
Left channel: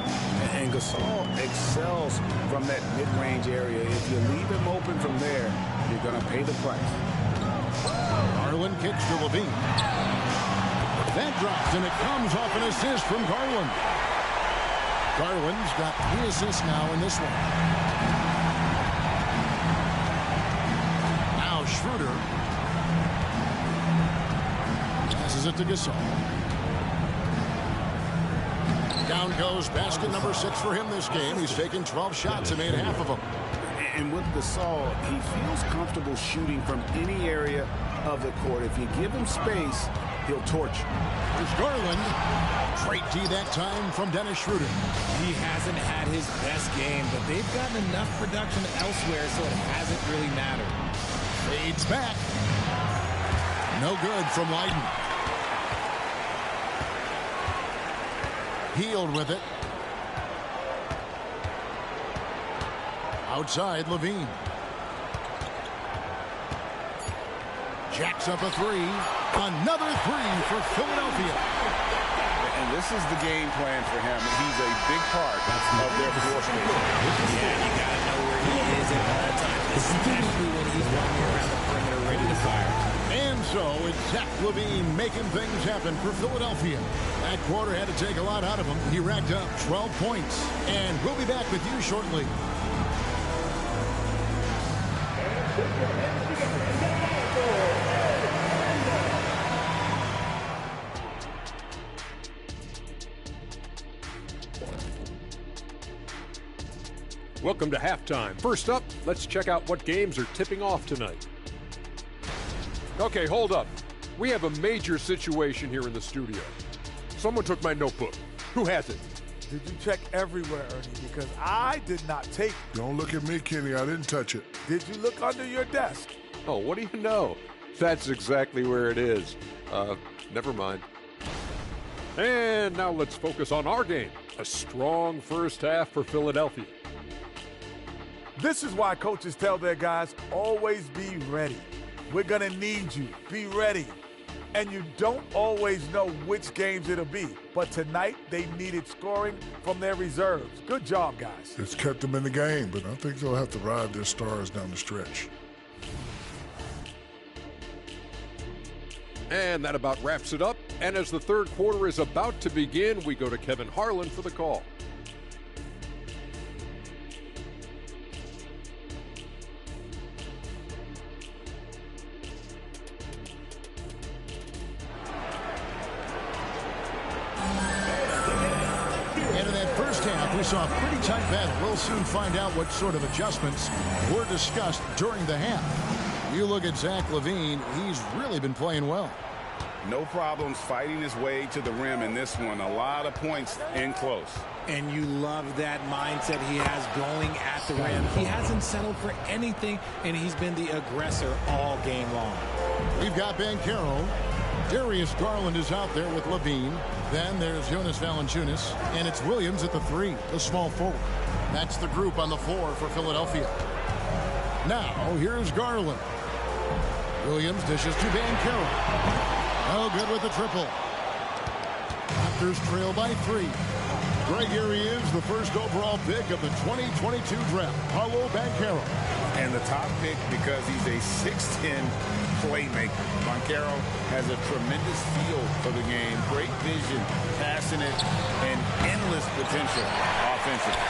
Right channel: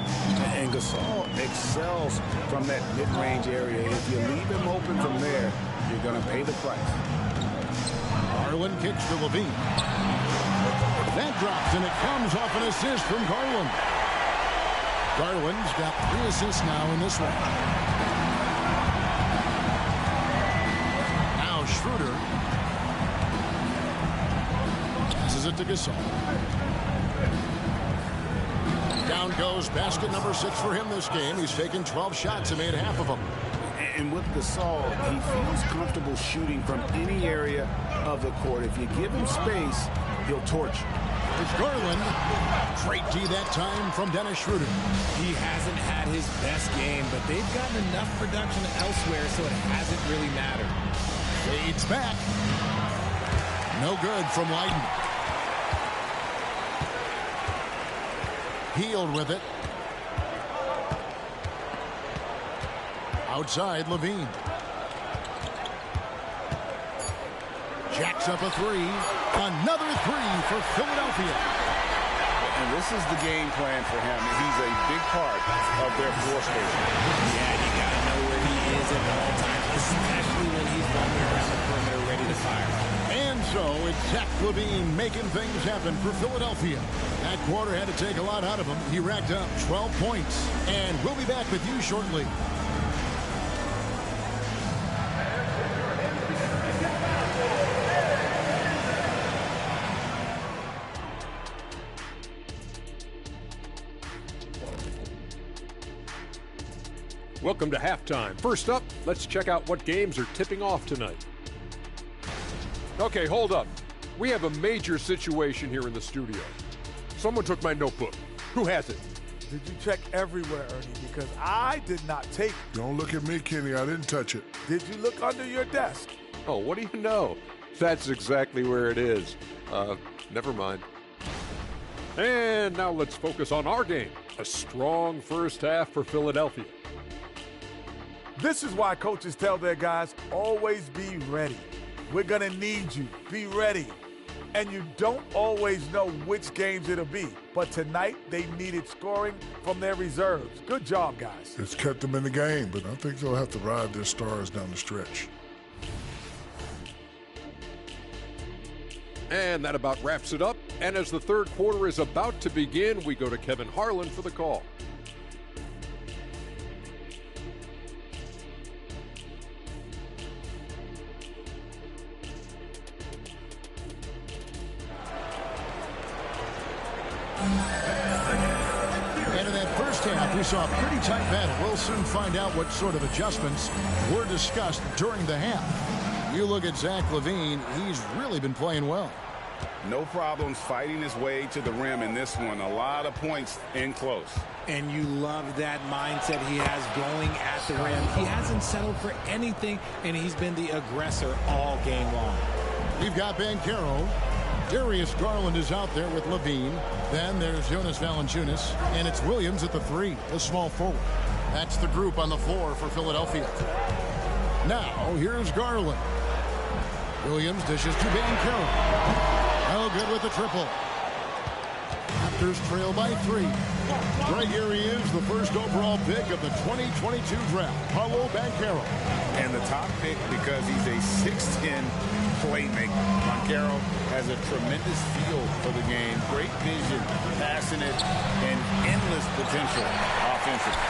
And Gasol excels from that mid-range area. If you leave him open from there, you're going to pay the price. Garland kicks to Levine. That drops, and it comes off an assist from Garland. Garland's got 3 assists now in this one. Now Schroeder passes it to Gasol. Down goes basket number 6 for him this game. He's taken 12 shots and made half of them. And with Gasol, he feels comfortable shooting from any area of the court. If you give him space, he'll torch you. There's Garland. Great D that time from Dennis Schroeder. He hasn't had his best game, but they've gotten enough production elsewhere, so it hasn't really mattered. Fades back. No good from Leiden. Healed with it. Outside, Levine. Jacks up a 3. Another 3 for Philadelphia. And this is the game plan for him. He's a big part of their floor space. Yeah, you got to know where he is at all times, especially when he's roaming around the perimeter ready to fire. And so it's Zach LaVine making things happen for Philadelphia. That quarter had to take a lot out of him. He racked up 12 points. And we'll be back with you shortly. Welcome to halftime. First up, let's check out what games are tipping off tonight. Okay, hold up. We have a major situation here in the studio. Someone took my notebook. Who has it? Did you check everywhere, Ernie? Because I did not take it. Don't look at me, Kenny. I didn't touch it. Did you look under your desk? Oh, what do you know? That's exactly where it is. Never mind. And now let's focus on our game. A strong first half for Philadelphia. This is why coaches tell their guys, always be ready. We're going to need you. Be ready. And you don't always know which games it'll be. But tonight, they needed scoring from their reserves. Good job, guys. It's kept them in the game, but I think they'll have to ride their stars down the stretch. And that about wraps it up. And as the third quarter is about to begin, we go to Kevin Harlan for the call. And in that first half, we saw a pretty tight battle. We'll soon find out what sort of adjustments were discussed during the half. You look at Zach LaVine, he's really been playing well. No problems fighting his way to the rim in this one. A lot of points in close. And you love that mindset he has going at the rim. He hasn't settled for anything, and he's been the aggressor all game long. We've got Banchero. Darius Garland is out there with LaVine. Then there's Jonas Valanciunas, and it's Williams at the 3, the small forward. That's the group on the floor for Philadelphia. Now, here's Garland. Williams dishes to Banchero. No good with the triple. Raptors trail by 3. Greg, here he is, the first overall pick of the 2022 draft, Paolo Banchero. And the top pick because he's a 6'10", playmaker. Banchero has a tremendous feel for the game, great vision, passing it, and endless potential offensively.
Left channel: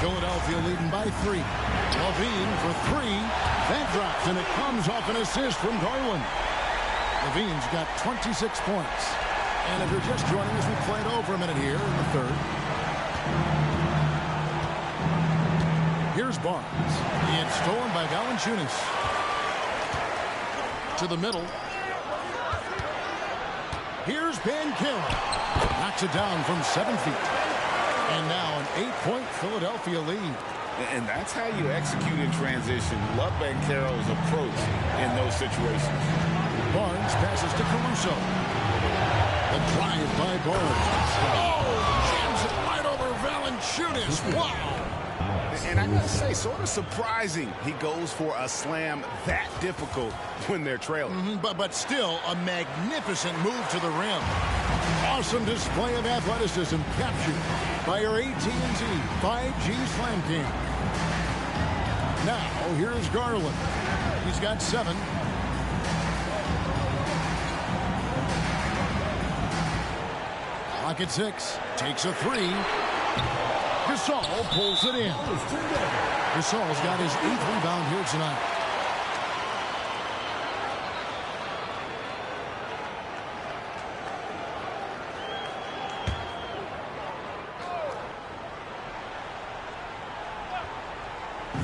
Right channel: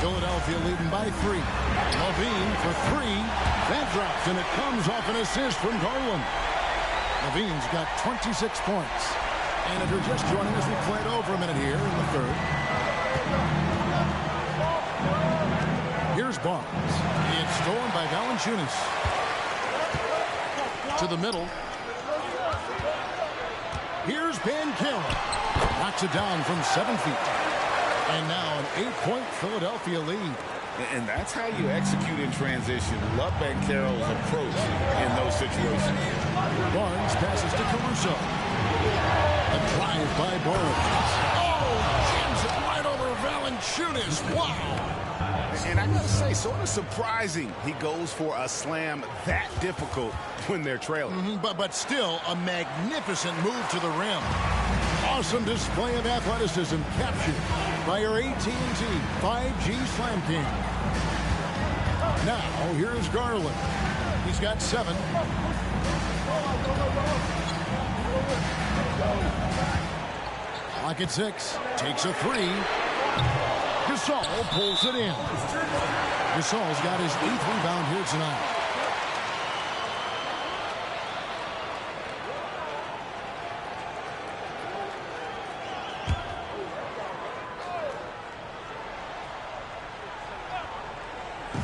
Philadelphia leading by 3. Levine for 3. That drops, and it comes off an assist from Garland. Levine's got 26 points. And if you're just joining us, we played over a minute here in the third. Here's Barnes. It's stolen by Valanciunas. To the middle. Here's Banchero. Knocks it down from 7 feet. And now an 8-point Philadelphia lead. And that's how you execute in transition. Love Banchero's approach in those situations. Barnes passes to Caruso. The drive by Barnes. Oh, jams it right over Valanciunas. Wow. And I got to say, sort of surprising he goes for a slam that difficult when they're trailing. But still a magnificent move to the rim. Awesome display of athleticism captured by your AT&T 5G Slam King. Now, here's Garland. He's got 7. Clock at 6. Takes a 3. Gasol pulls it in. Gasol's got his 8th rebound here tonight.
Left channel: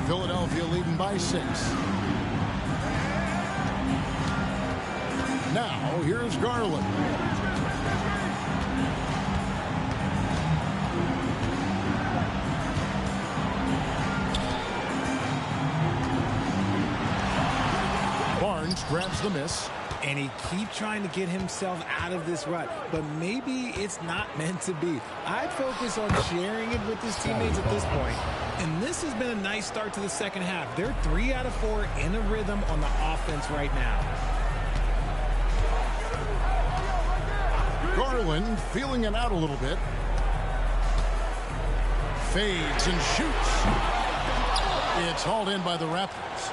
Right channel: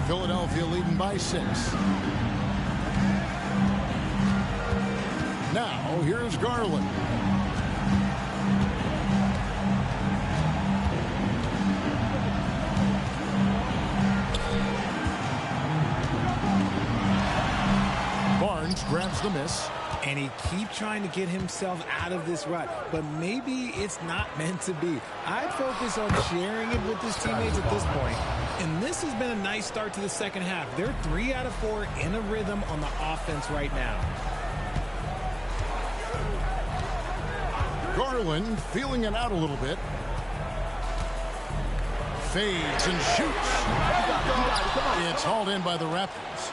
Philadelphia leading by 6. Now, here's Garland. Barnes grabs the miss. And he keeps trying to get himself out of this rut, but maybe it's not meant to be. I'd focus on sharing it with his teammates at this point. And this has been a nice start to the second half. They're 3 out of 4 in a rhythm on the offense right now. Garland feeling it out a little bit. Fades and shoots. It's hauled in by the Raptors.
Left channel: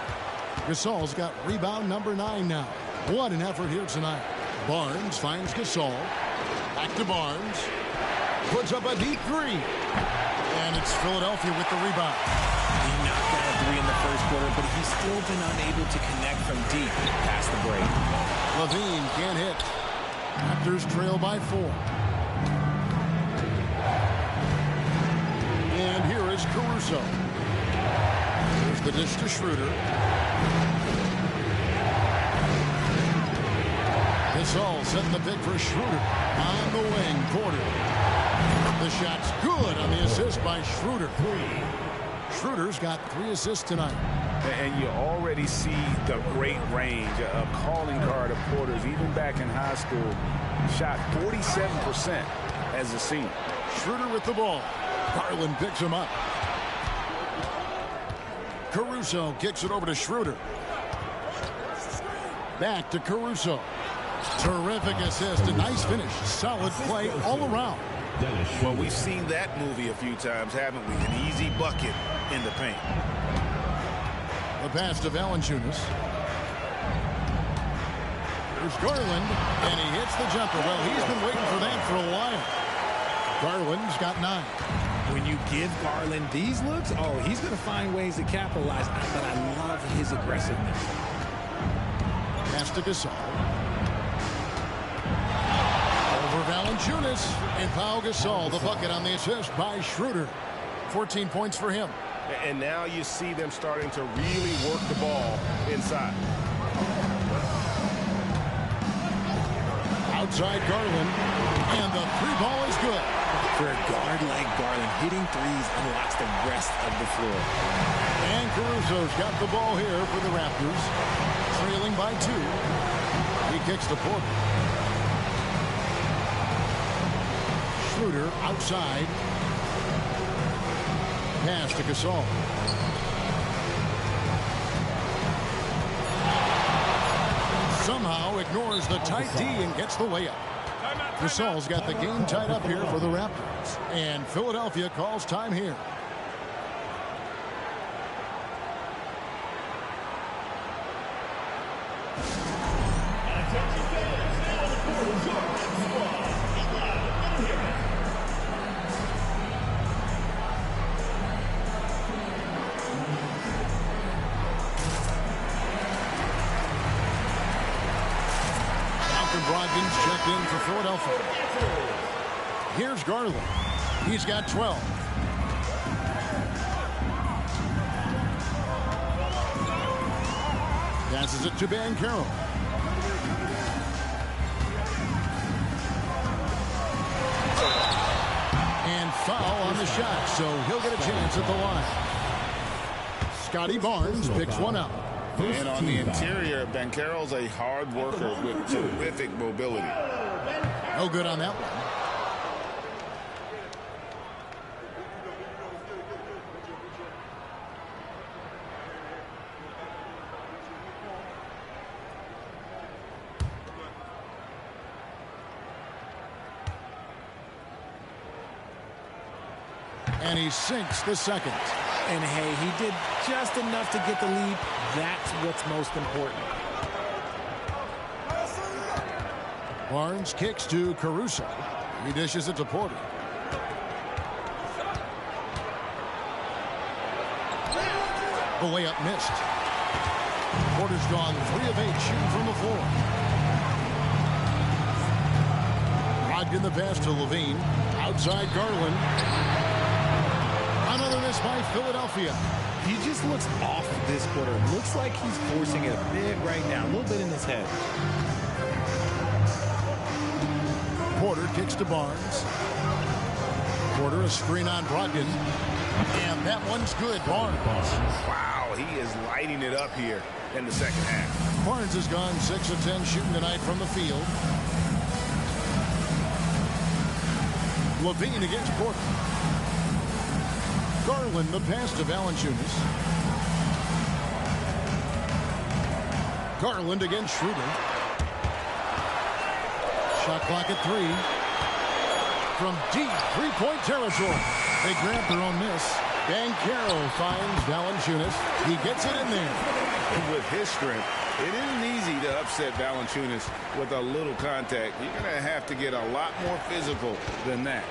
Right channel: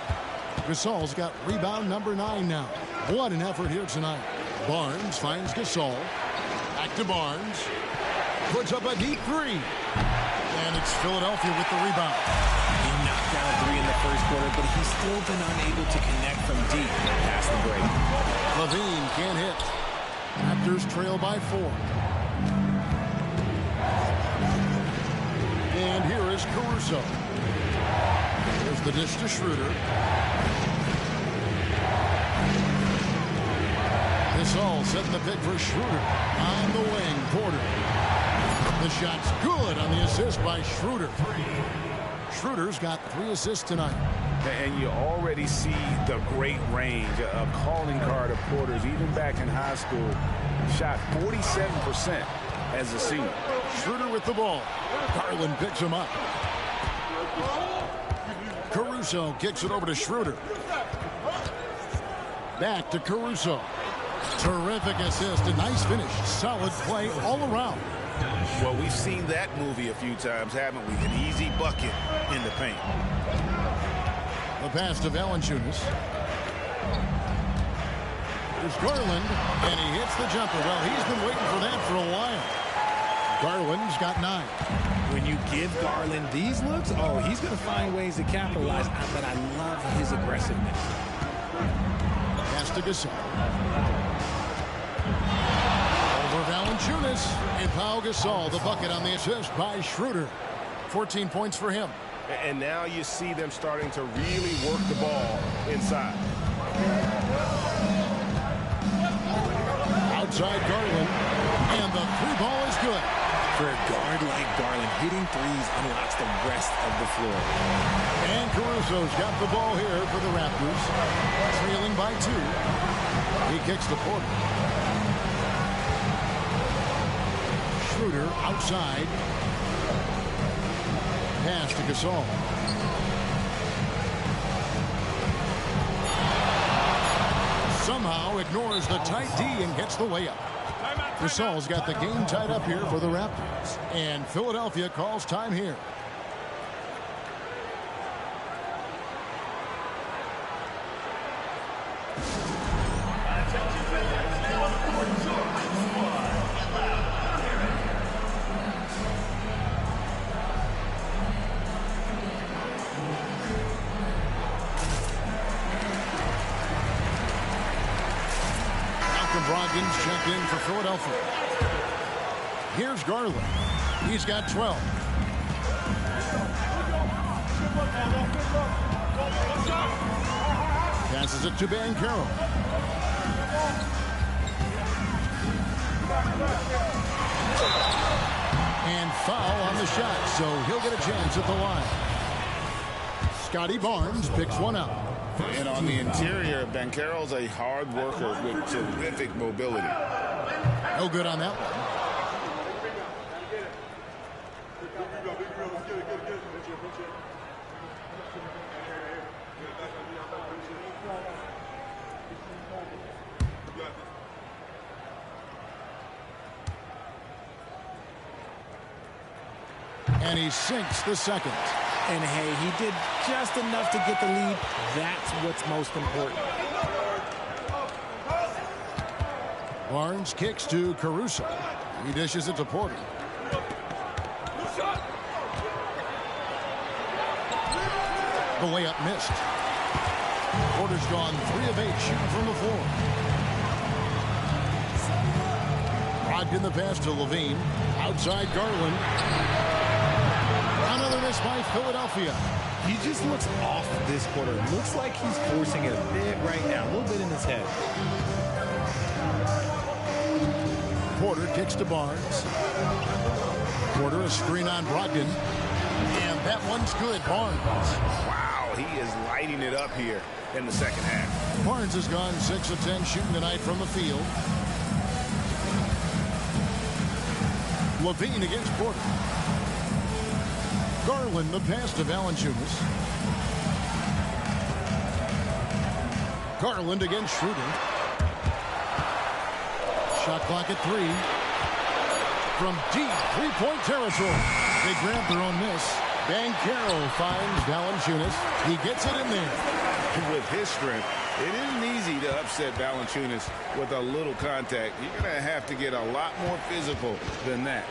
Gasol's got rebound number 9 now. What an effort here tonight. Barnes finds Gasol. Back to Barnes. Puts up a deep 3. And it's Philadelphia with the rebound. He knocked down 3 in the first quarter, but he's still been unable to connect from deep past the break. Levine can't hit. Raptors trail by 4. And here is Caruso. There's the dish to Schroeder. Gasol setting the pick for Schroeder. On the wing, Porter. The shot's good on the assist by Schroeder. Schroeder's got 3 assists tonight. And you already see the great range, a calling card of Porter's. Even back in high school, shot 47% as a senior. Schroeder with the ball. Garland picks him up. Caruso kicks it over to Schroeder. Back to Caruso. Terrific assist. A nice finish. Solid play all around. Well, we've seen that movie a few times, haven't we? An easy bucket in the paint. The pass to Valanciunas. There's Garland, and he hits the jumper. Well, he's been waiting for that for a while. Garland's got 9. When you give Garland these looks, oh, he's going to find ways to capitalize. But I love his aggressiveness. Pass to Gasol. Over Valanciunas, and Pau Gasol, the bucket on the assist by Schroeder. 14 points for him. And now you see them starting to really work the ball inside. Outside Garland, and the 3 ball is good. For a guard like Garland, hitting threes unlocks the rest of the floor. And Caruso's got the ball here for the Raptors, trailing by 2. He kicks to Porter. Schroeder outside. Pass to Gasol. Somehow ignores the tight D and gets the way up. Gasol's got the game tied up here for the Raptors. And Philadelphia calls time here. Brogdon's checked in for Philadelphia. Here's Garland. He's got 12. Passes it to Banchero. And foul on the shot, so he'll get a chance at the line. Scotty Barnes picks one up. And on the interior, Banchero's a hard worker with terrific mobility. No good on that one. And he sinks the second. And hey, he did just enough to get the lead. That's what's most important. Barnes kicks to Caruso. He dishes it to Porter. The layup missed. Porter's gone 3 of 8 shooting from the floor. Brogdon the pass to Levine. Outside Garland. Another miss by Philadelphia. He just looks off this quarter. Looks like he's forcing it a bit right now. A little bit in his head. Porter kicks to Barnes. Porter a screen on Brogdon. And that one's good. Barnes. Wow, he is lighting it up here in the second half. Barnes has gone 6 of 10 shooting tonight from the field. Levine against Porter. Garland the pass to Valanciunas. Garland against Schroeder. Shot clock at 3. From deep three-point territory. They grab their own miss. Banchero finds Valanciunas. He gets it in there. With his strength, it isn't easy to upset Valanciunas with a little contact. You're going to have to get a lot more physical than that.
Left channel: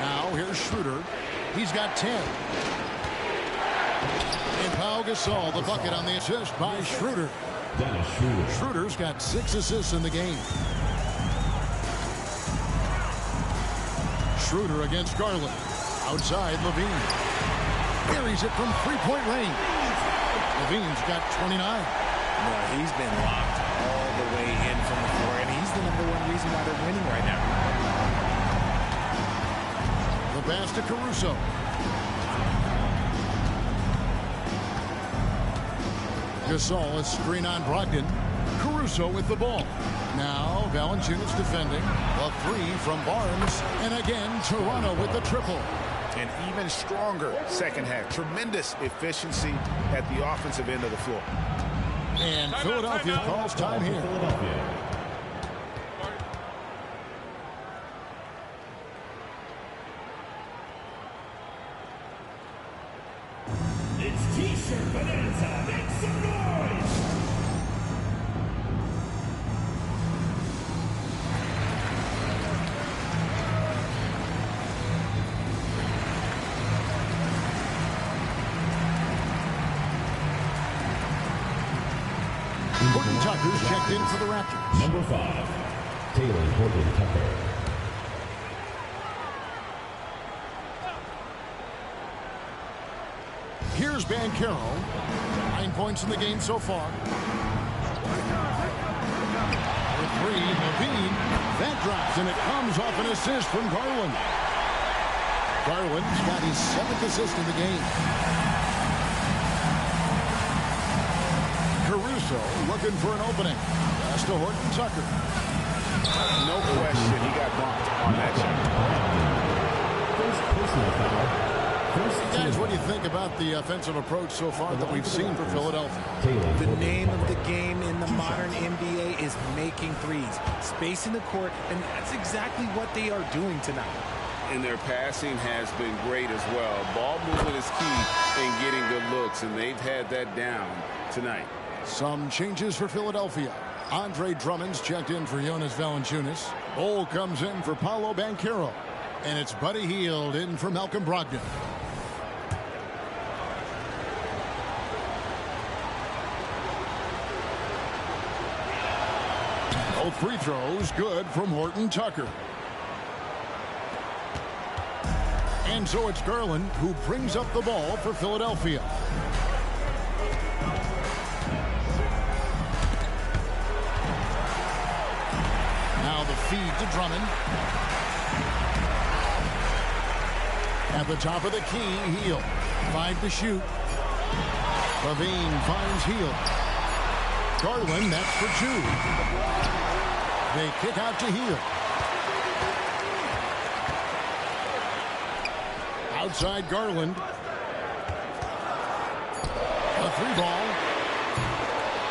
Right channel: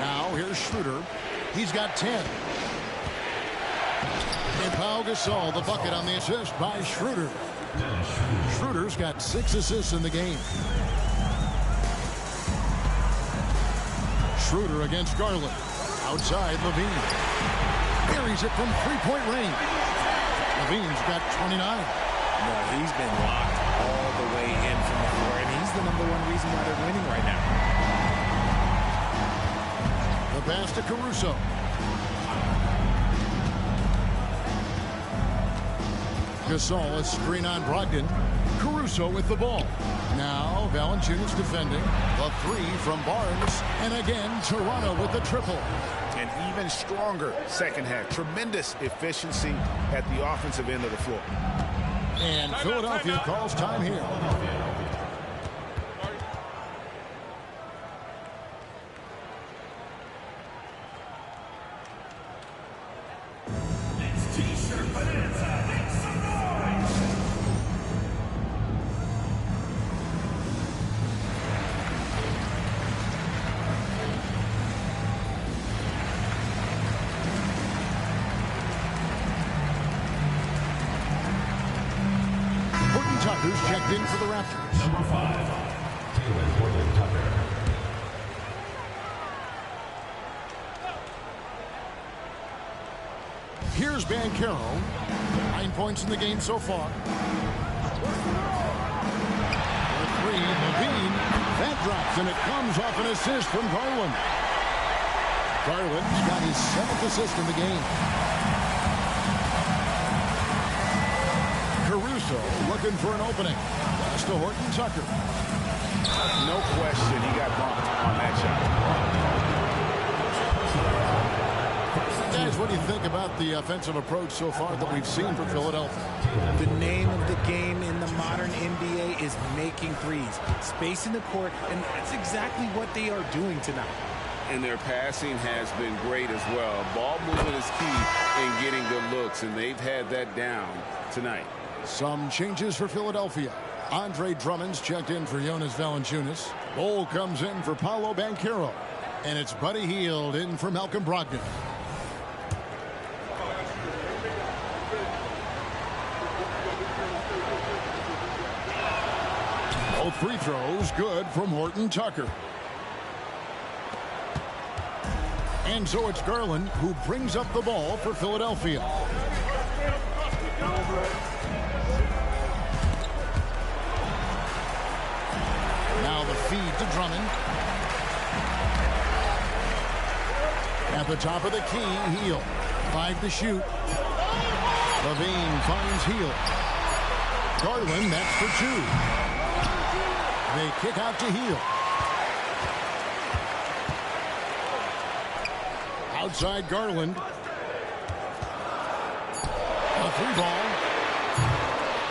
Now here's Schroeder. He's got 10. And Pau Gasol, the bucket on the assist by Schroeder. Schroeder's got 6 assists in the game. Schroeder against Garland. Outside Levine. Buries it from three-point range. Levine's got 29. No, he's been locked all the way in from the floor, and he's the #1 reason why they're winning right now. The pass to Caruso. Gasol, a screen on Brogdon. Caruso with the ball. Now Valanciunas defending. The 3 from Barnes. And again, Toronto with the triple. An even stronger second half. Tremendous efficiency at the offensive end of the floor. And Philadelphia calls time here. It's T-shirt bonanza. Make some noise. Horton Tucker's checked in for the Raptors. Number 5, Taylor Horton Tucker. Here's Banchero. 9 points in the game so far. For 3, Levine. That drops, and it comes off an assist from Garland. Garland's got his 7th assist in the game. Caruso looking for an opening. Pass to Horton Tucker. No question he got bumped on that shot. Guys, what do you think about the offensive approach so far that we've seen for Philadelphia? The name of the game in the modern NBA is making threes, spacing the court, and that's exactly what they are doing tonight. And their passing has been great as well. Ball movement is key in getting good looks, and they've had that down tonight. Some changes for Philadelphia. Andre Drummond's checked in for Jonas Valanciunas. Bol comes in for Paolo Banchero. And it's Buddy Hield in for Malcolm Brogdon. Both free throws good from Horton Tucker. And so it's Garland who brings up the ball for Philadelphia. Now the feed to Drummond. At the top of the key, Heel. 5 to shoot. Levine finds Heel. Garland, that's for 2. They kick out to Heel. Outside Garland. A 3-ball.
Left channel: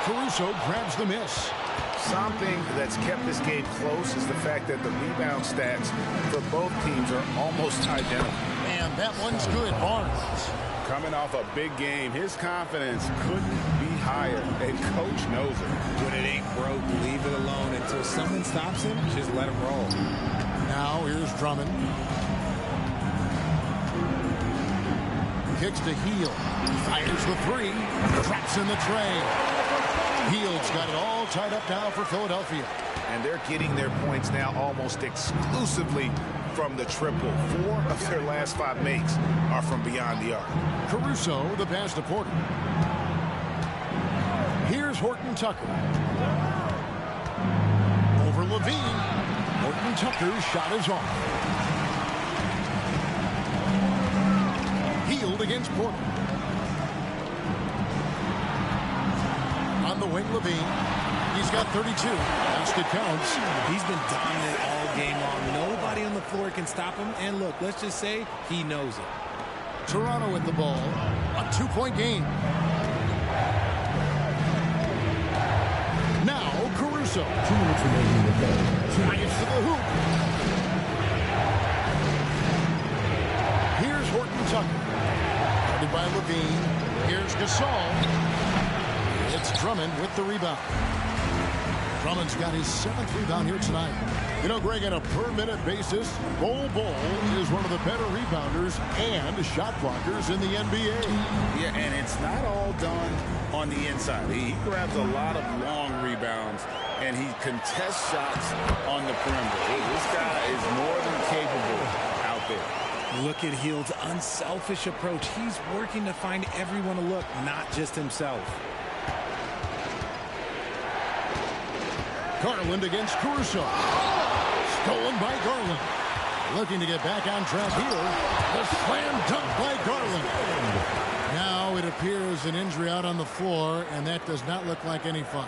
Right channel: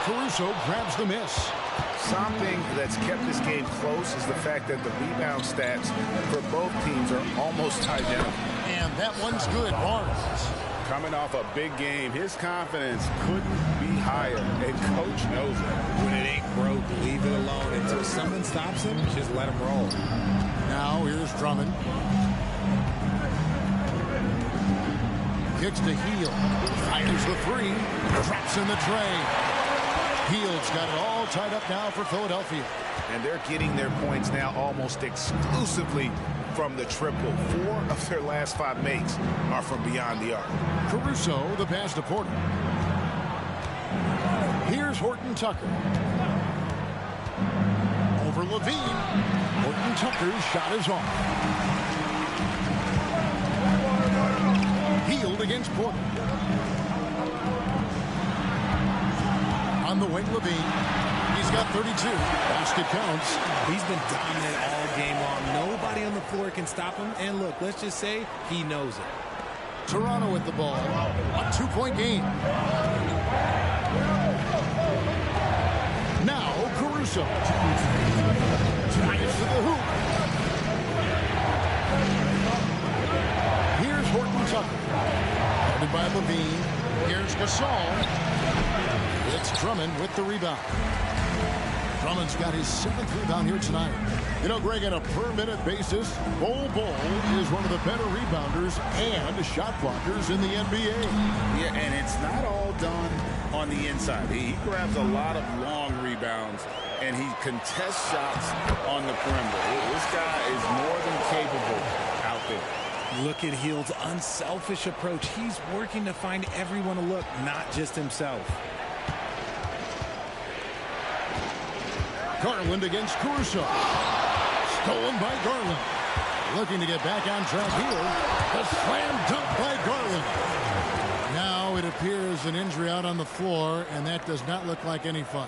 Caruso grabs the miss. Something that's kept this game close is the fact that the rebound stats for both teams are almost identical. And that one's good. Barnes. Coming off a big game, his confidence couldn't be higher, and coach knows it. When it ain't broke, leave it alone until someone stops him. Just let him roll. Now here's Drummond. Kicks to Heel. Fires the 3. Traps in the tray. Heel's got it all tied up now for Philadelphia. And they're getting their points now almost exclusively from the triple. 4 of their last 5 makes are from beyond the arc. Caruso, the pass to Porter. Here's Horton Tucker. Over Levine. Horton Tucker's shot is off. Healed against Porter. On the wing, Levine. He's got 32. Basket counts. He's been dominant all game long. Nobody on the floor can stop him. And look, let's just say he knows it. Toronto with the ball. A 2-point game. Now Caruso. Drives to the hoop. Here's Horton Tucker. Guarded by Levine. Here's Gasol. It's Drummond with the rebound. Drummond's got his 7th rebound here tonight. You know, Greg, on a per-minute basis, Bol is one of the better rebounders and shot blockers in the NBA. Yeah, and it's not all done on the inside. He grabs a lot of long rebounds, and he contests shots on the perimeter. This guy is more than capable out there. Look at Hield's unselfish approach. He's working to find everyone to look, not just himself. Garland against Caruso. Stolen by Garland. Looking to get back on track here. The slam dunk by Garland. Now it appears an injury out on the floor, and that does not look like any fun.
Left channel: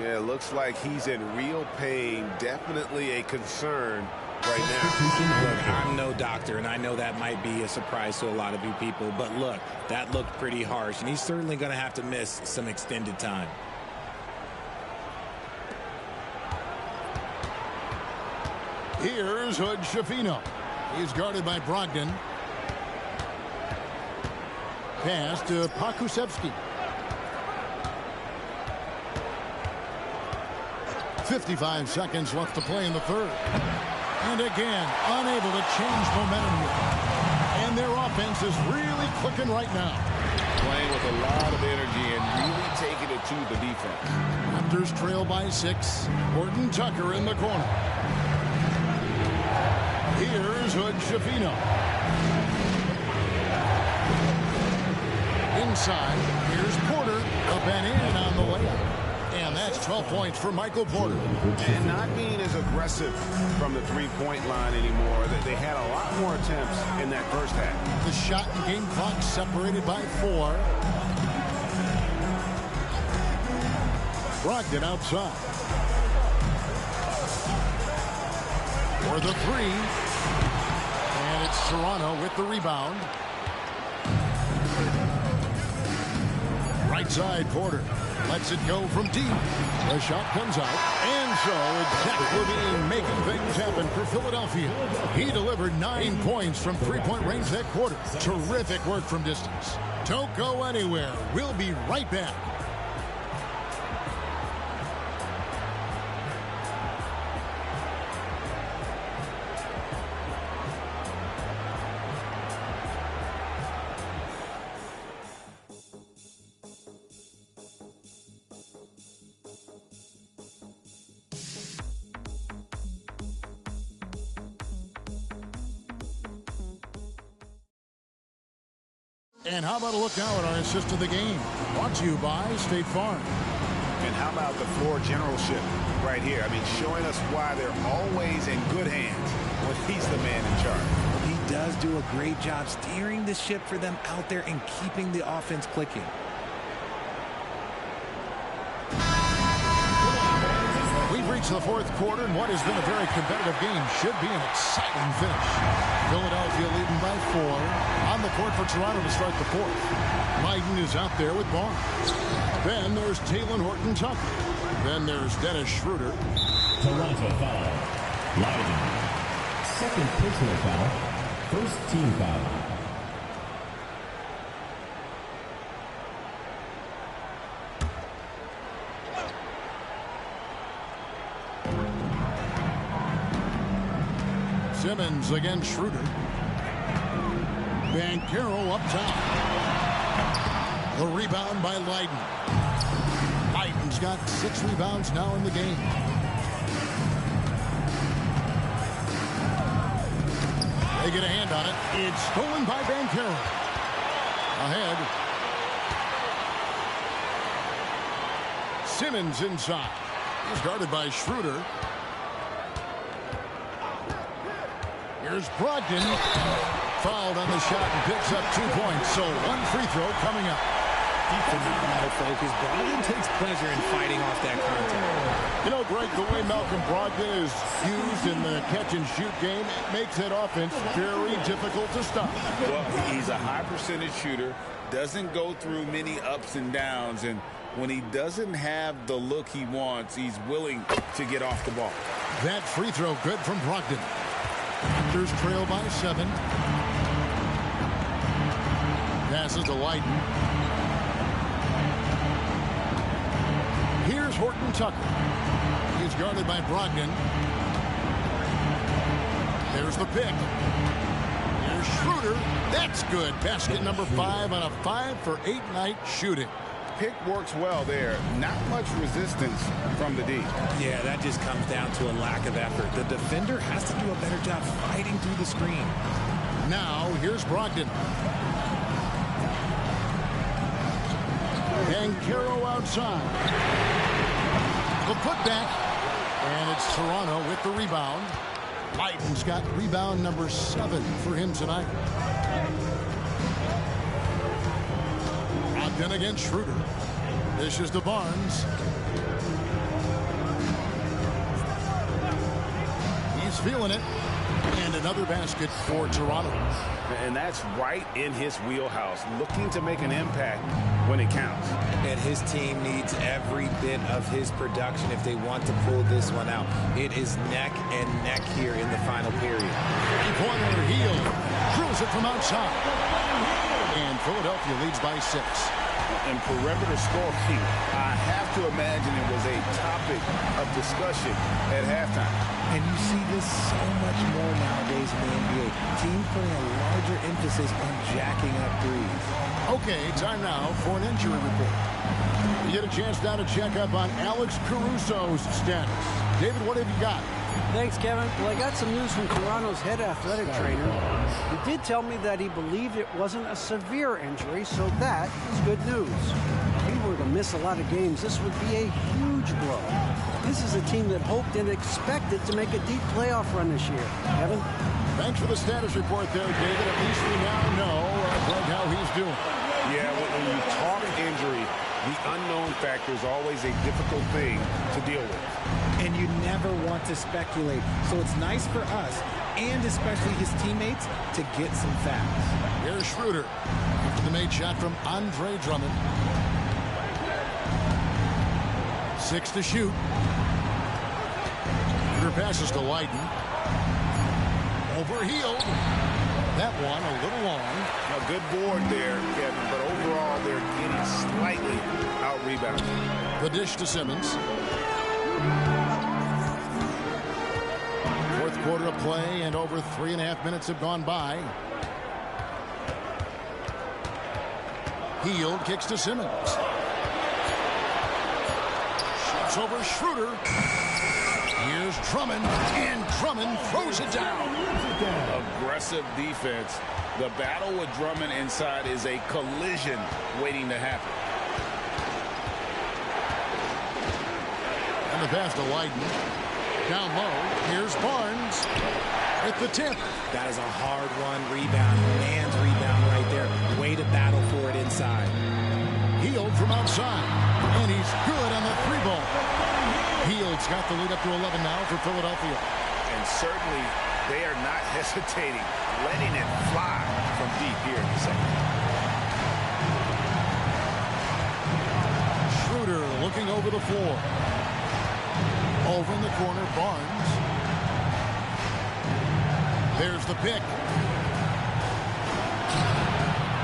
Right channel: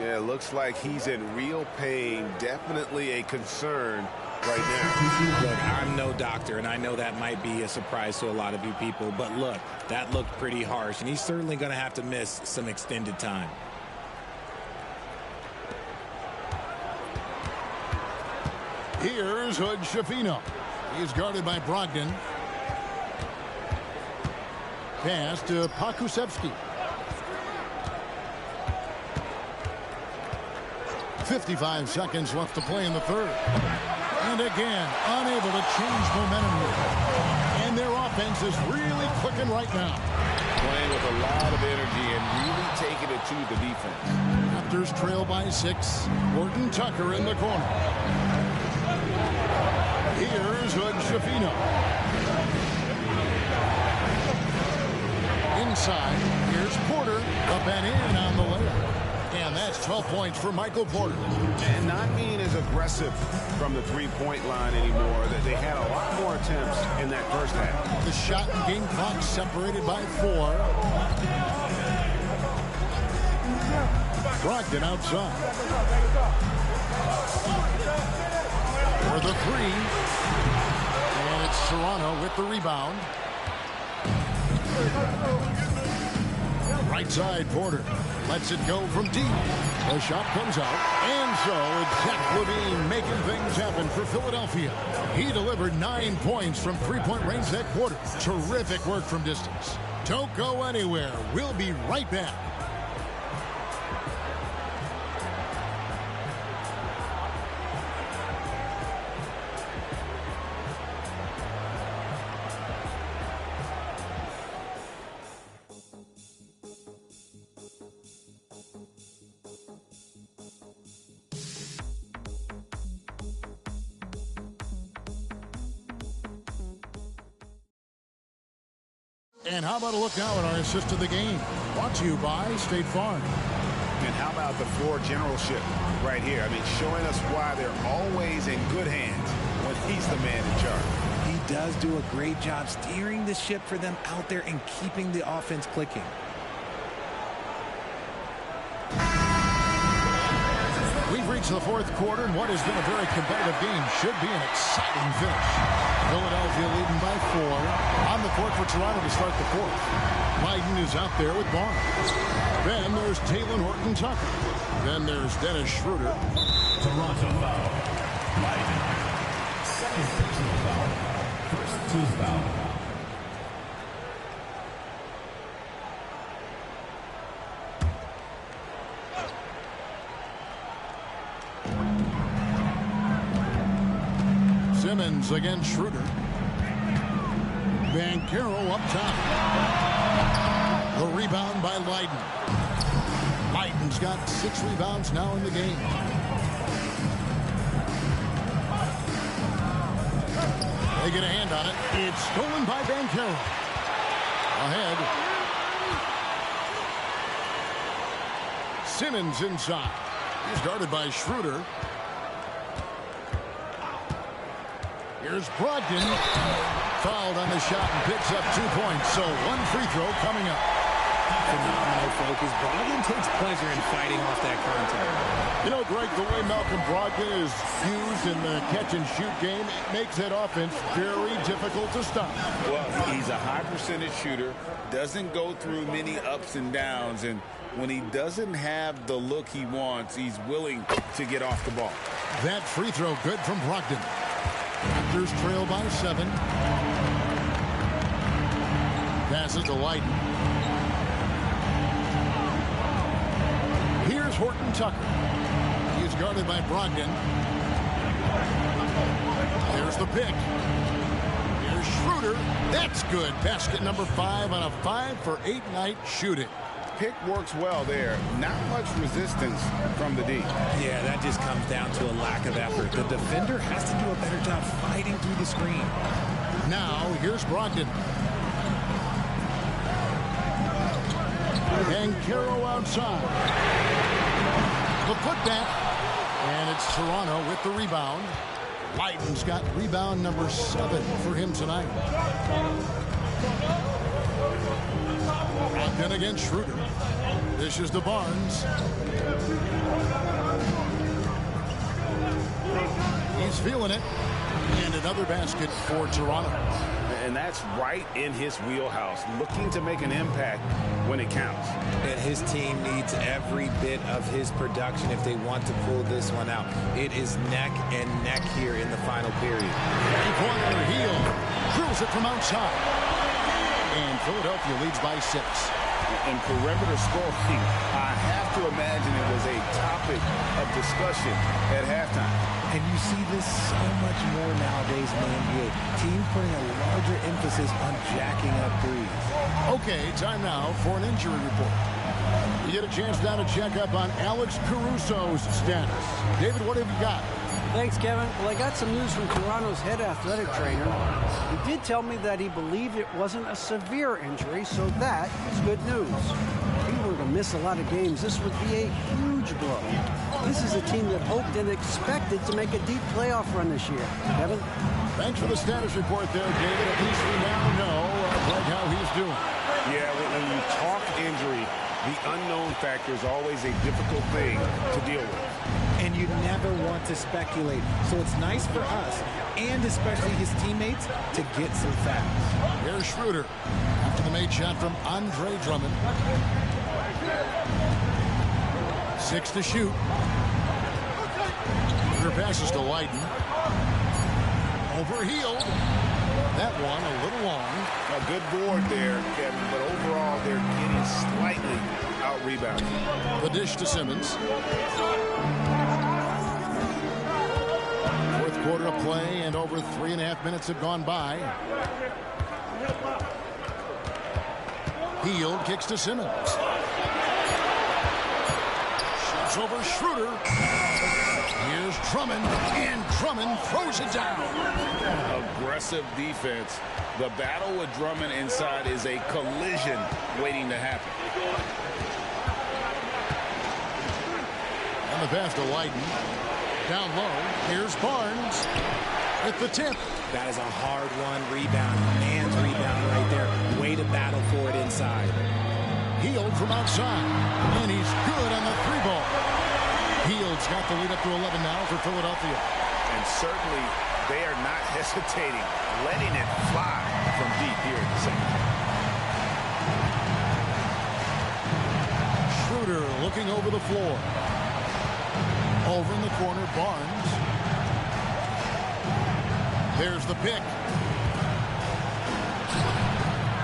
Yeah, it looks like he's in real pain. Definitely a concern right now. Look, I'm no doctor, and I know that might be a surprise to a lot of you people, but look, that looked pretty harsh, and he's certainly going to have to miss some extended time. Here's Hood Schifino. He's guarded by Brogdon. Pass to Pokusevski. 55 seconds left to play in the third. And again, unable to change momentum here. And their offense is really clicking right now. Playing with a lot of energy and really taking it to the defense. Raptors trail by 6. Horton Tucker in the corner. Here's Hood Schifino. Inside, here's Porter. Up and in on the layup. And that's 12 points for Michael Porter. And not being as aggressive from the three-point line anymore. They had a lot more attempts in that first half. The shot and game clock separated by 4. Brogdon outside. For the 3. And it's Toronto with the rebound. Right side, Porter lets it go from deep. The shot comes out. And so it's Zach Levine making things happen for Philadelphia. He delivered 9 points from three-point range that quarter. Terrific work from distance. Don't go anywhere. We'll be right back. And how about a look now at our assist of the game? Brought to you by State Farm. And how about the floor generalship right here? I mean, showing us why they're always in good hands when he's the man in charge. He does do a great job steering the ship for them out there and keeping the offense clicking. We've reached the fourth quarter, and what has been a very competitive game should be an exciting finish. Philadelphia leading by 4. On the court for Toronto to start the fourth. Leiden is out there with Barnes. Then there's Talen Horton-Tucker. Then there's Dennis Schroeder. Toronto foul. Leiden. Second personal foul. First team foul. Simmons against Schroeder. Banchero up top. The rebound by Leiden. Leiden's got 6 rebounds now in the game. They get a hand on it. It's stolen by Banchero. Ahead. Simmons inside. He's guarded by Schroeder. Here's Brogdon. Fouled on the shot and picks up 2 points. So 1 free throw coming up. Phenomenal focus. Brogdon takes pleasure in fighting off that contact. You know, Greg, the way Malcolm Brogdon is used in the catch-and-shoot game, it makes that offense very difficult to stop. Well, he's a high percentage shooter, doesn't go through many ups and downs, and when he doesn't have the look he wants, he's willing to get off the ball. That free throw good from Brogdon. Raptors trail by 7. Passes to Leiden. Here's Horton-Tucker. He's guarded by Brogdon. There's the pick. Here's Schroeder. That's good. Basket number 5 on a 5-for-8 night shooting. Pick works well there. Not much resistance from the D. Yeah, that just comes down to a lack of effort. The defender has to do a better job fighting through the screen. Now, here's Brogdon. Banchero outside. The putback. And it's Toronto with the rebound. Leiden's got rebound number 7 for him tonight. Brogdon against Schroeder. This is to Barnes. He's feeling it. And another basket for Toronto. And that's right in his wheelhouse, looking to make an impact when it counts. And his team needs every bit of his production if they want to pull this one out. It is neck and neck here in the final period. Three-pointer Hield drills it from outside. And Philadelphia leads by 6. And perimeter scoring, I have to imagine it was a topic of discussion at halftime. And you see this so much more nowadays in the NBA. Teams putting a larger emphasis on jacking up threes. Okay, time now for an injury report. You get a chance now to check up on Alex Caruso's status. David, what have you got? Thanks, Kevin. Well, I got some news from Toronto's head athletic trainer. He did tell me that he believed it wasn't a severe injury, so that is good news. If he were to miss a lot of games, this would be a huge blow. This is a team that hoped and expected to make a deep playoff run this year. Kevin? Thanks for the status report there, David. At least we now know, Greg, how he's doing. Yeah, when you talk injury, the unknown factor is always a difficult thing to deal with. And you never want to speculate. So it's nice for us, and especially his teammates, to get some facts. Here's Schroeder after the made shot from Andre Drummond. 6 to shoot. Schroeder passes to Leiden. Over Hield. That one a little long. A good board there, Kevin, but overall they're getting slightly out-rebounded. The dish to Simmons. Fourth quarter of play, and over 3.5 minutes have gone by. Hield kicks to Simmons. Shoots over Schroeder. Here's Here's Drummond, and Drummond throws it down. Aggressive defense. The battle with Drummond inside is a collision waiting to happen. And the pass to Leiden. Down low, here's Barnes at the tip. That is a hard-won rebound. Man's rebound right there. Way to battle for it inside. Hield from outside, and he's good on the three ball. Hield's got the lead up to 11 now for Philadelphia. And certainly they are not hesitating, letting it fly from deep here in the second half. Schroeder looking over the floor. Over in the corner, Barnes. There's the pick.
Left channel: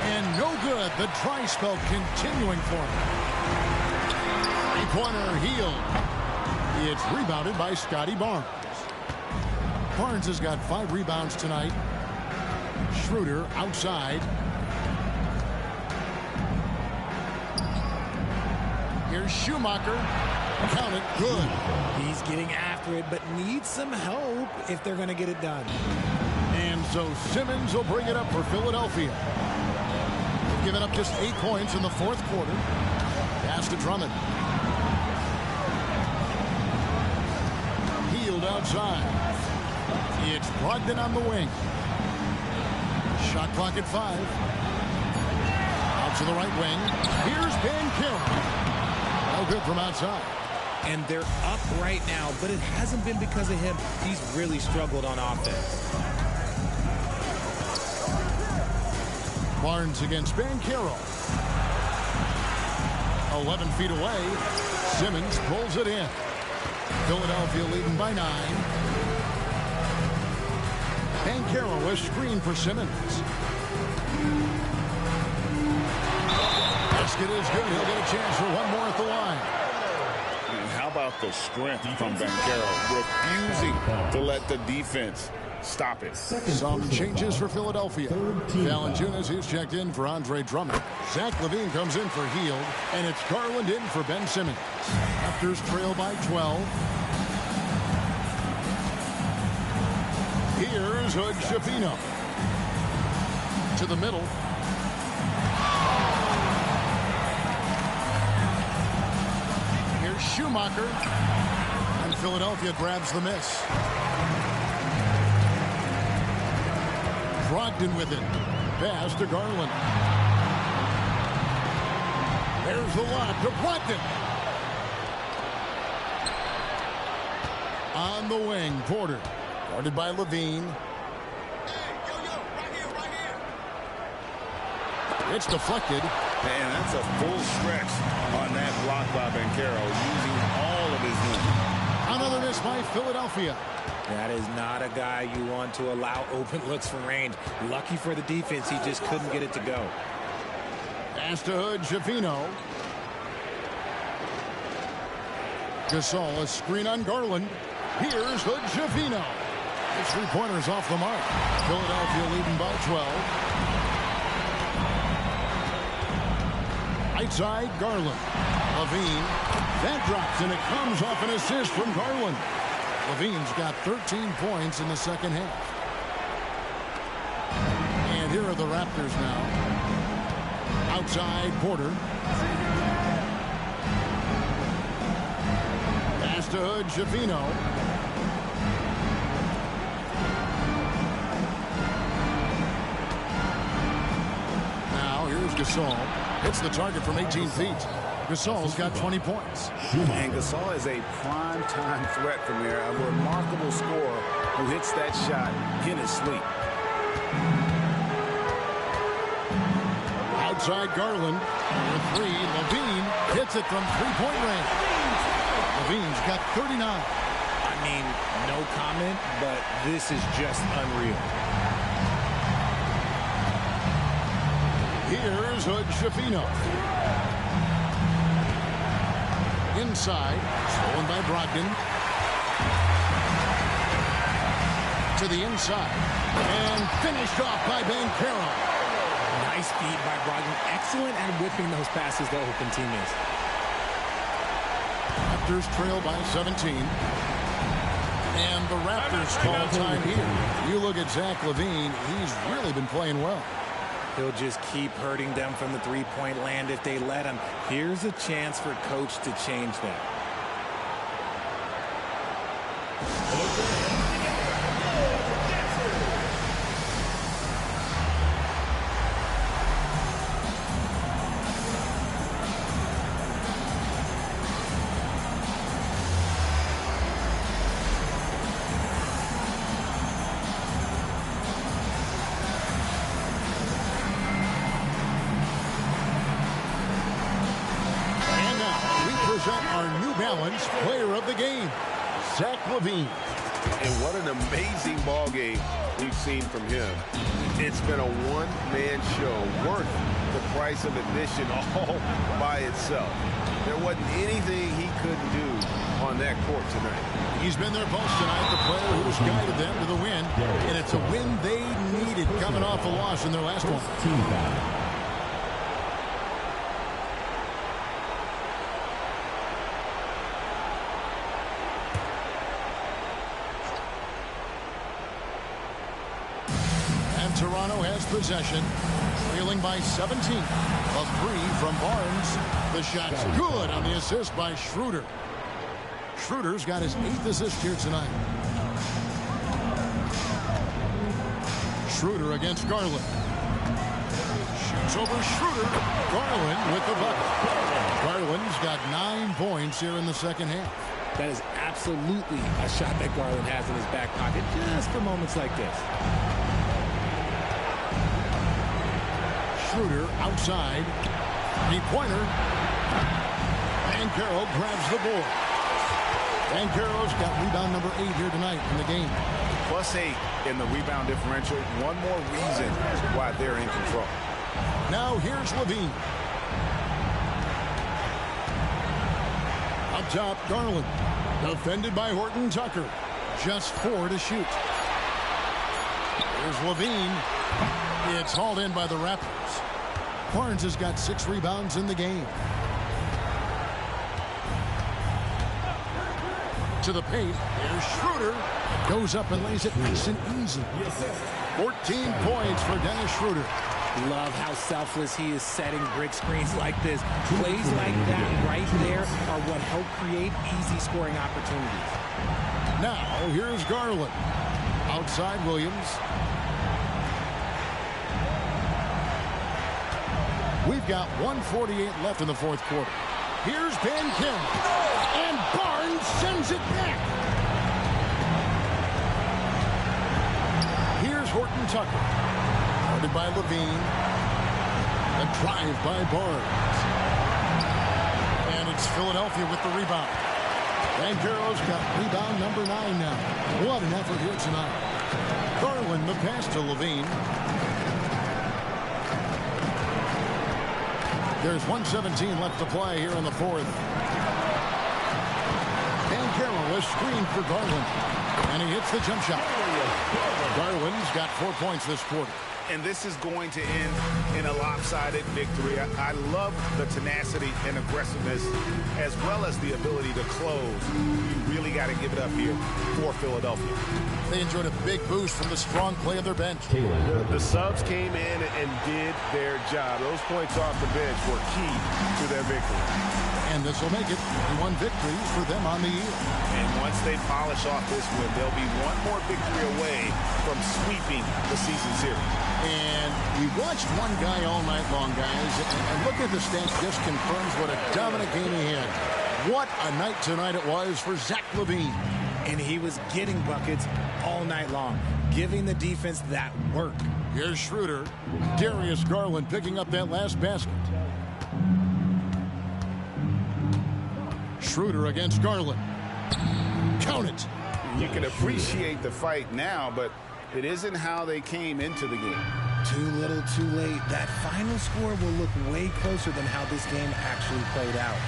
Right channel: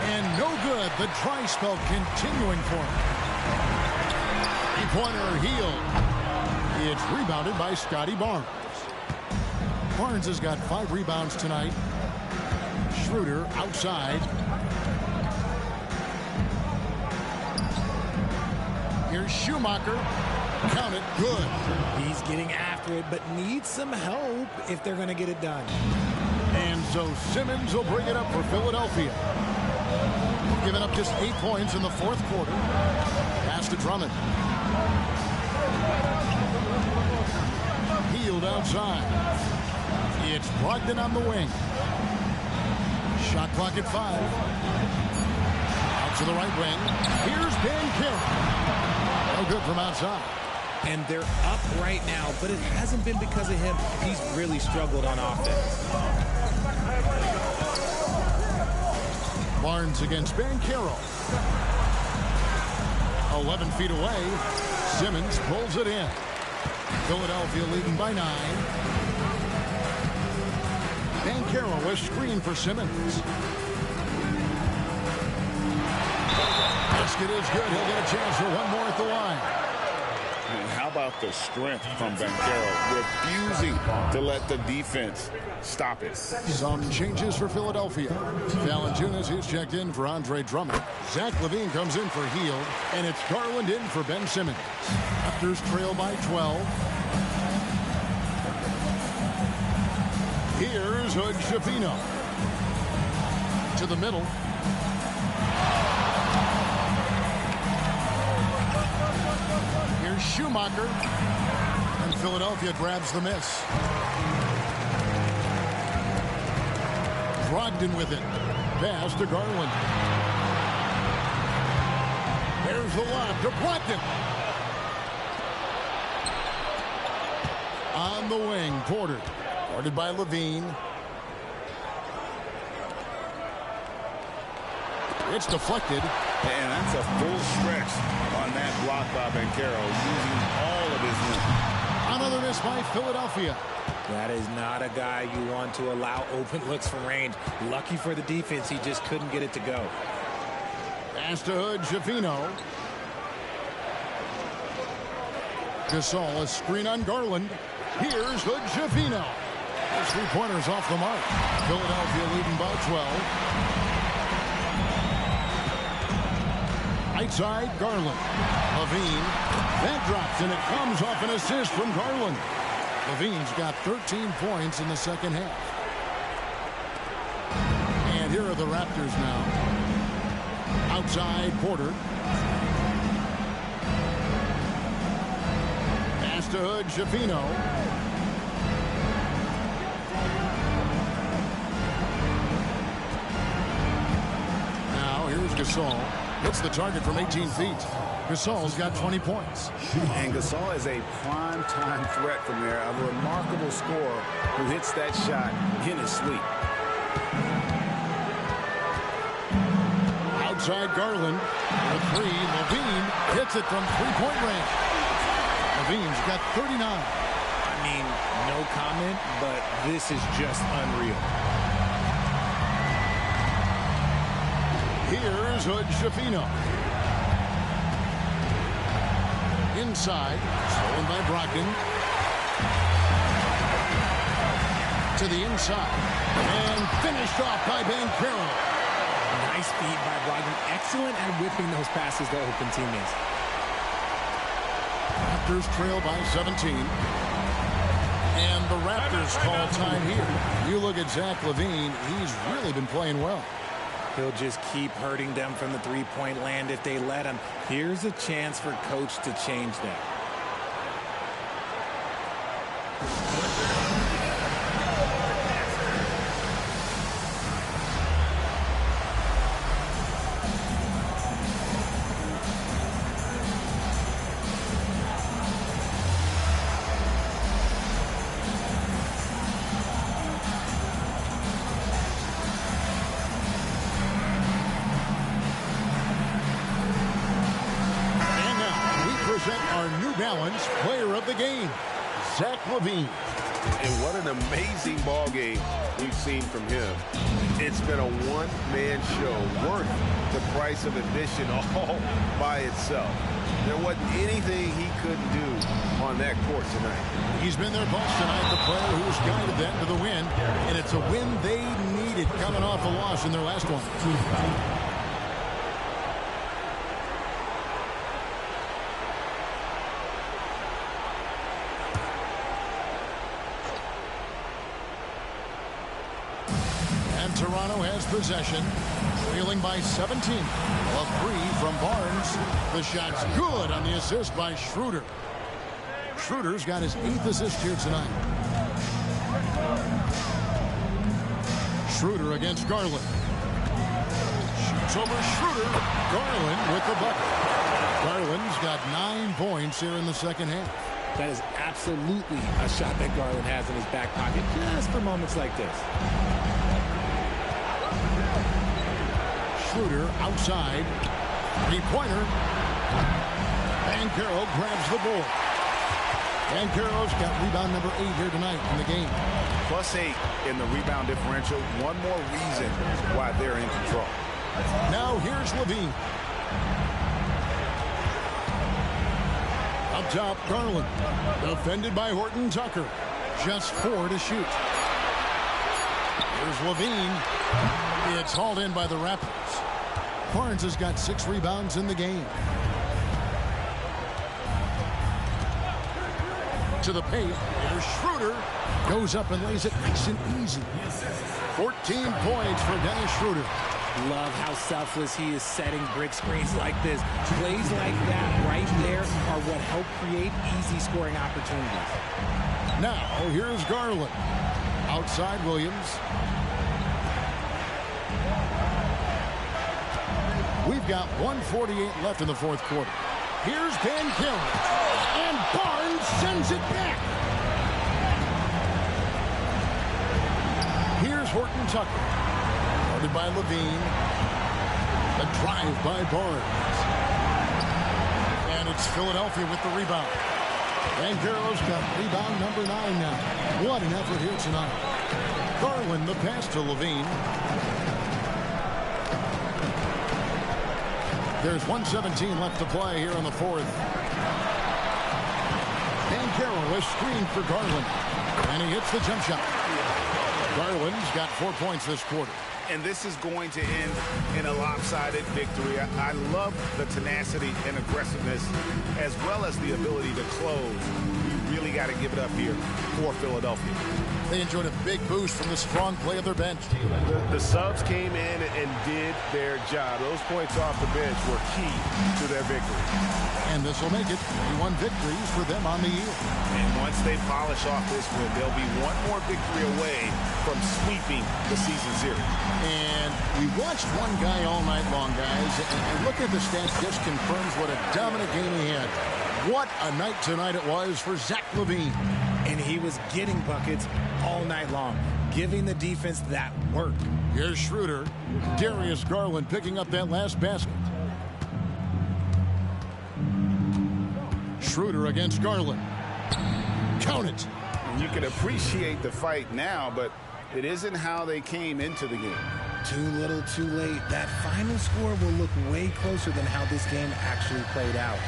And no good. The dry spell continuing for him. Three-pointer Hield. It's rebounded by Scotty Barnes. Barnes has got 5 rebounds tonight. Schroeder outside. Here's Schumacher. Count it. Good. He's getting after it, but needs some help if they're going to get it done. And so Simmons will bring it up for Philadelphia. They've given up just 8 points in the fourth quarter. Pass to Drummond. Hield outside. It's Brogdon on the wing. Shot clock at 5. Out to the right wing. Here's Banchero. No good from outside. And they're up right now, but it hasn't been because of him. He's really struggled on offense. Barnes against Banchero. 11 feet away. Simmons pulls it in. Philadelphia leading by 9. Banchero was screened for Simmons. Basket is good. He'll get a chance for one more at the line. And how about the strength from Banchero, refusing to let the defense stop it. Some changes for Philadelphia. Valanciunas is checked in for Andre Drummond. Zach LaVine comes in for Hield, and it's Garland in for Ben Simmons. Raptors trail by 12. Here's Hood Schifino. To the middle. Here's Schumacher. And Philadelphia grabs the miss. Brogdon with it. Pass to Garland. There's the lob to Brogdon. On the wing, Porter. Guarded by LaVine. It's deflected. And that's a full stretch on that block by Banchero, using all of his length. Another miss by Philadelphia. That is not a guy you want to allow open looks from range. Lucky for the defense, he just couldn't get it to go. Pass to Hood Schifino. Gasol, a screen on Garland. Here's Hood Schifino. His three-pointer's off the mark. Philadelphia leading by 12. Right side, Garland. LaVine. That drops, and it comes off an assist from Garland. LaVine's got 13 points in the second half. And here are the Raptors now. Outside, Porter. Pass to Hood Schifino. Now, here's Gasol. Hits the target from 18 feet. Gasol's got 20 points. And Gasol is a prime-time threat from there. A remarkable scorer who hits that shot in his sleep. Outside Garland. For 3, LaVine hits it from three-point range. LaVine's got 39. I mean, no comment, but this is just unreal. Here's Hood Schifino. Inside, stolen by Brogdon. To the inside. And finished off by Banchero. Nice feed by Brogdon. Excellent at whipping those passes to open teammates. Raptors trail by 17. And the Raptors call time here. You look at Zach LaVine, he's really been playing well. He'll just keep hurting them from the three-point land if they let him. Here's a chance for Coach to change that. Present our New Balance Player of the Game, Zach LaVine. And what an amazing ball game we've seen from him. It's been a one-man show worth the price of admission all by itself. There wasn't anything he couldn't do on that court tonight. He's been their pulse tonight, the player who has guided them to the win, and it's a win they needed coming off a loss in their last one. And Toronto has possession, trailing by 17. A three from Barnes. The shot's good on the assist by Schroeder. Schroeder's got his 8th assist here tonight. Schroeder against Garland. Shoots over Schroeder. Garland with the bucket. Garland's got 9 points here in the second half. That is absolutely a shot that Garland has in his back pocket just for moments like this. Schroeder outside. Three-pointer. Banchero grabs the board. Banchero's got rebound number 8 here tonight in the game. +8 in the rebound differential. One more reason why they're in control. Now here's LaVine. Up top, Garland. Defended by Horton Tucker. Just 4 to shoot. Here's LaVine. It's hauled in by the Raptors. Barnes has got 6 rebounds in the game. To the paint. Here's Schroeder. Goes up and lays it nice and easy. 14 points for Dennis Schroeder. Love how selfless he is setting brick screens like this. Plays like that right there are what help create easy scoring opportunities. Now here's Garland. Outside Williams. We've got 1:48 left in the fourth quarter. Here's Banchero. And Barnes sends it back. Here's Horton Tucker. Guarded by LaVine. The drive by Barnes. And it's Philadelphia with the rebound. Banchero's got rebound number 9 now. What an effort here tonight. Garland the pass to LaVine. There's 1:17 left to play here in the fourth. Banchero is screened for Garland. And he hits the jump shot. Garland's got 4 points this quarter. And this is going to end in a lopsided victory. I love the tenacity and aggressiveness as well as the ability to close. You really got to give it up here for Philadelphia. They enjoyed a big boost from the strong play of their bench. The subs came in and did their job. Those points off the bench were key to their victory. And this will make it 41 victories for them on the year. And once they polish off this win, they'll be one more victory away from sweeping the season series. And we watched one guy all night long, guys, and look at the stats, just confirms what a dominant game he had. What a night tonight it was for Zach LaVine. And he was getting buckets all night long, giving the defense that work. Here's Schroeder. Darius Garland picking up that last basket. Schroeder against Garland. Count it. And you can appreciate the fight now, but it isn't how they came into the game. Too little, too late. That final score will look way closer than how this game actually played out.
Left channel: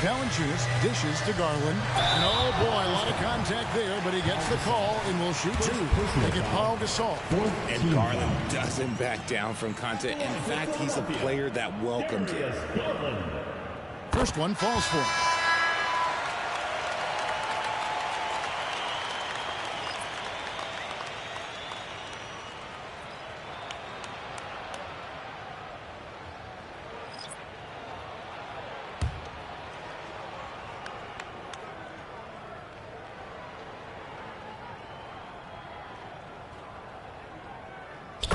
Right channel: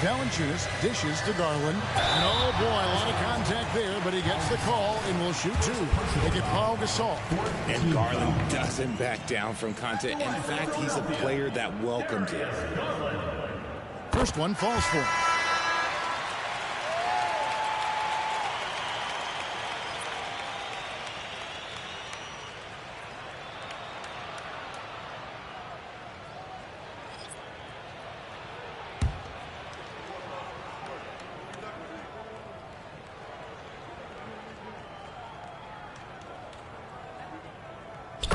Valanciunas dishes to Garland. And oh boy, a lot of contact there, but he gets the call and will shoot 2. They get Paul Gasol. And Garland doesn't back down from contact. In fact, he's a player that welcomes it. First one falls for him.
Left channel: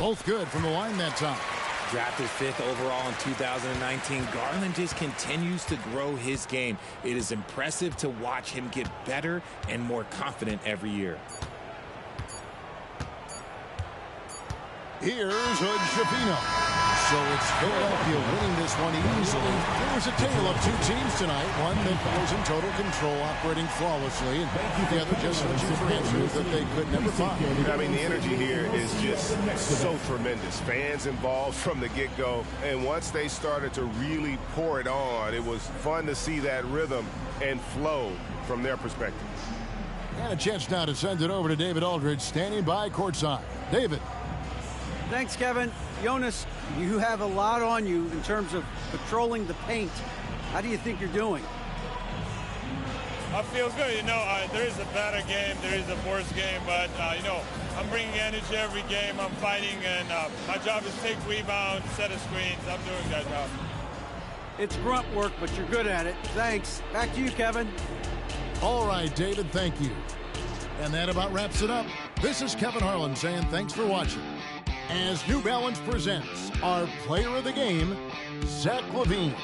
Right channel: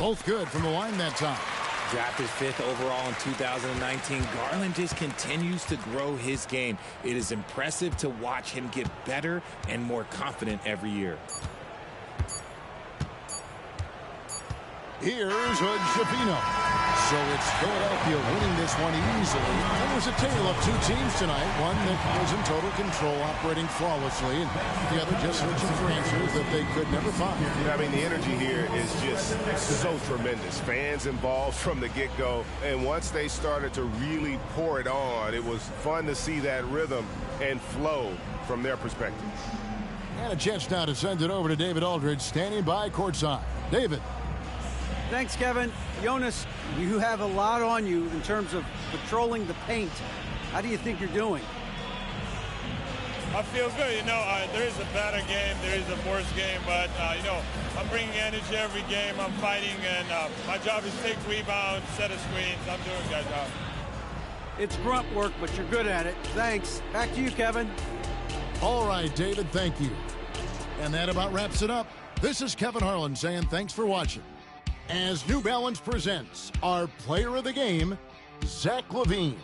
Both good from the line that time. Drafted 5th overall in 2019, Garland just continues to grow his game. It is impressive to watch him get better and more confident every year. Here's Hood-Schifino. So it's Philadelphia winning this one easily. It was a tale of two teams tonight. One that was in total control, operating flawlessly, and the other just searching for answers that they could never find. I mean, the energy here is just so tremendous. Fans involved from the get-go. And once they started to really pour it on, it was fun to see that rhythm and flow from their perspective. And a chance now to send it over to David Aldridge, standing by courtside. David. Thanks, Kevin. Jonas, you have a lot on you in terms of patrolling the paint. How do you think you're doing? I feel good. There is a better game, there is a worse game, but, I'm bringing energy every game. I'm fighting, and my job is take rebounds, set of screens. I'm doing that job. It's grunt work, but you're good at it. Thanks. Back to you, Kevin. All right, David, thank you. And that about wraps it up. This is Kevin Harlan saying thanks for watching. As New Balance presents our player of the game, Zach LaVine.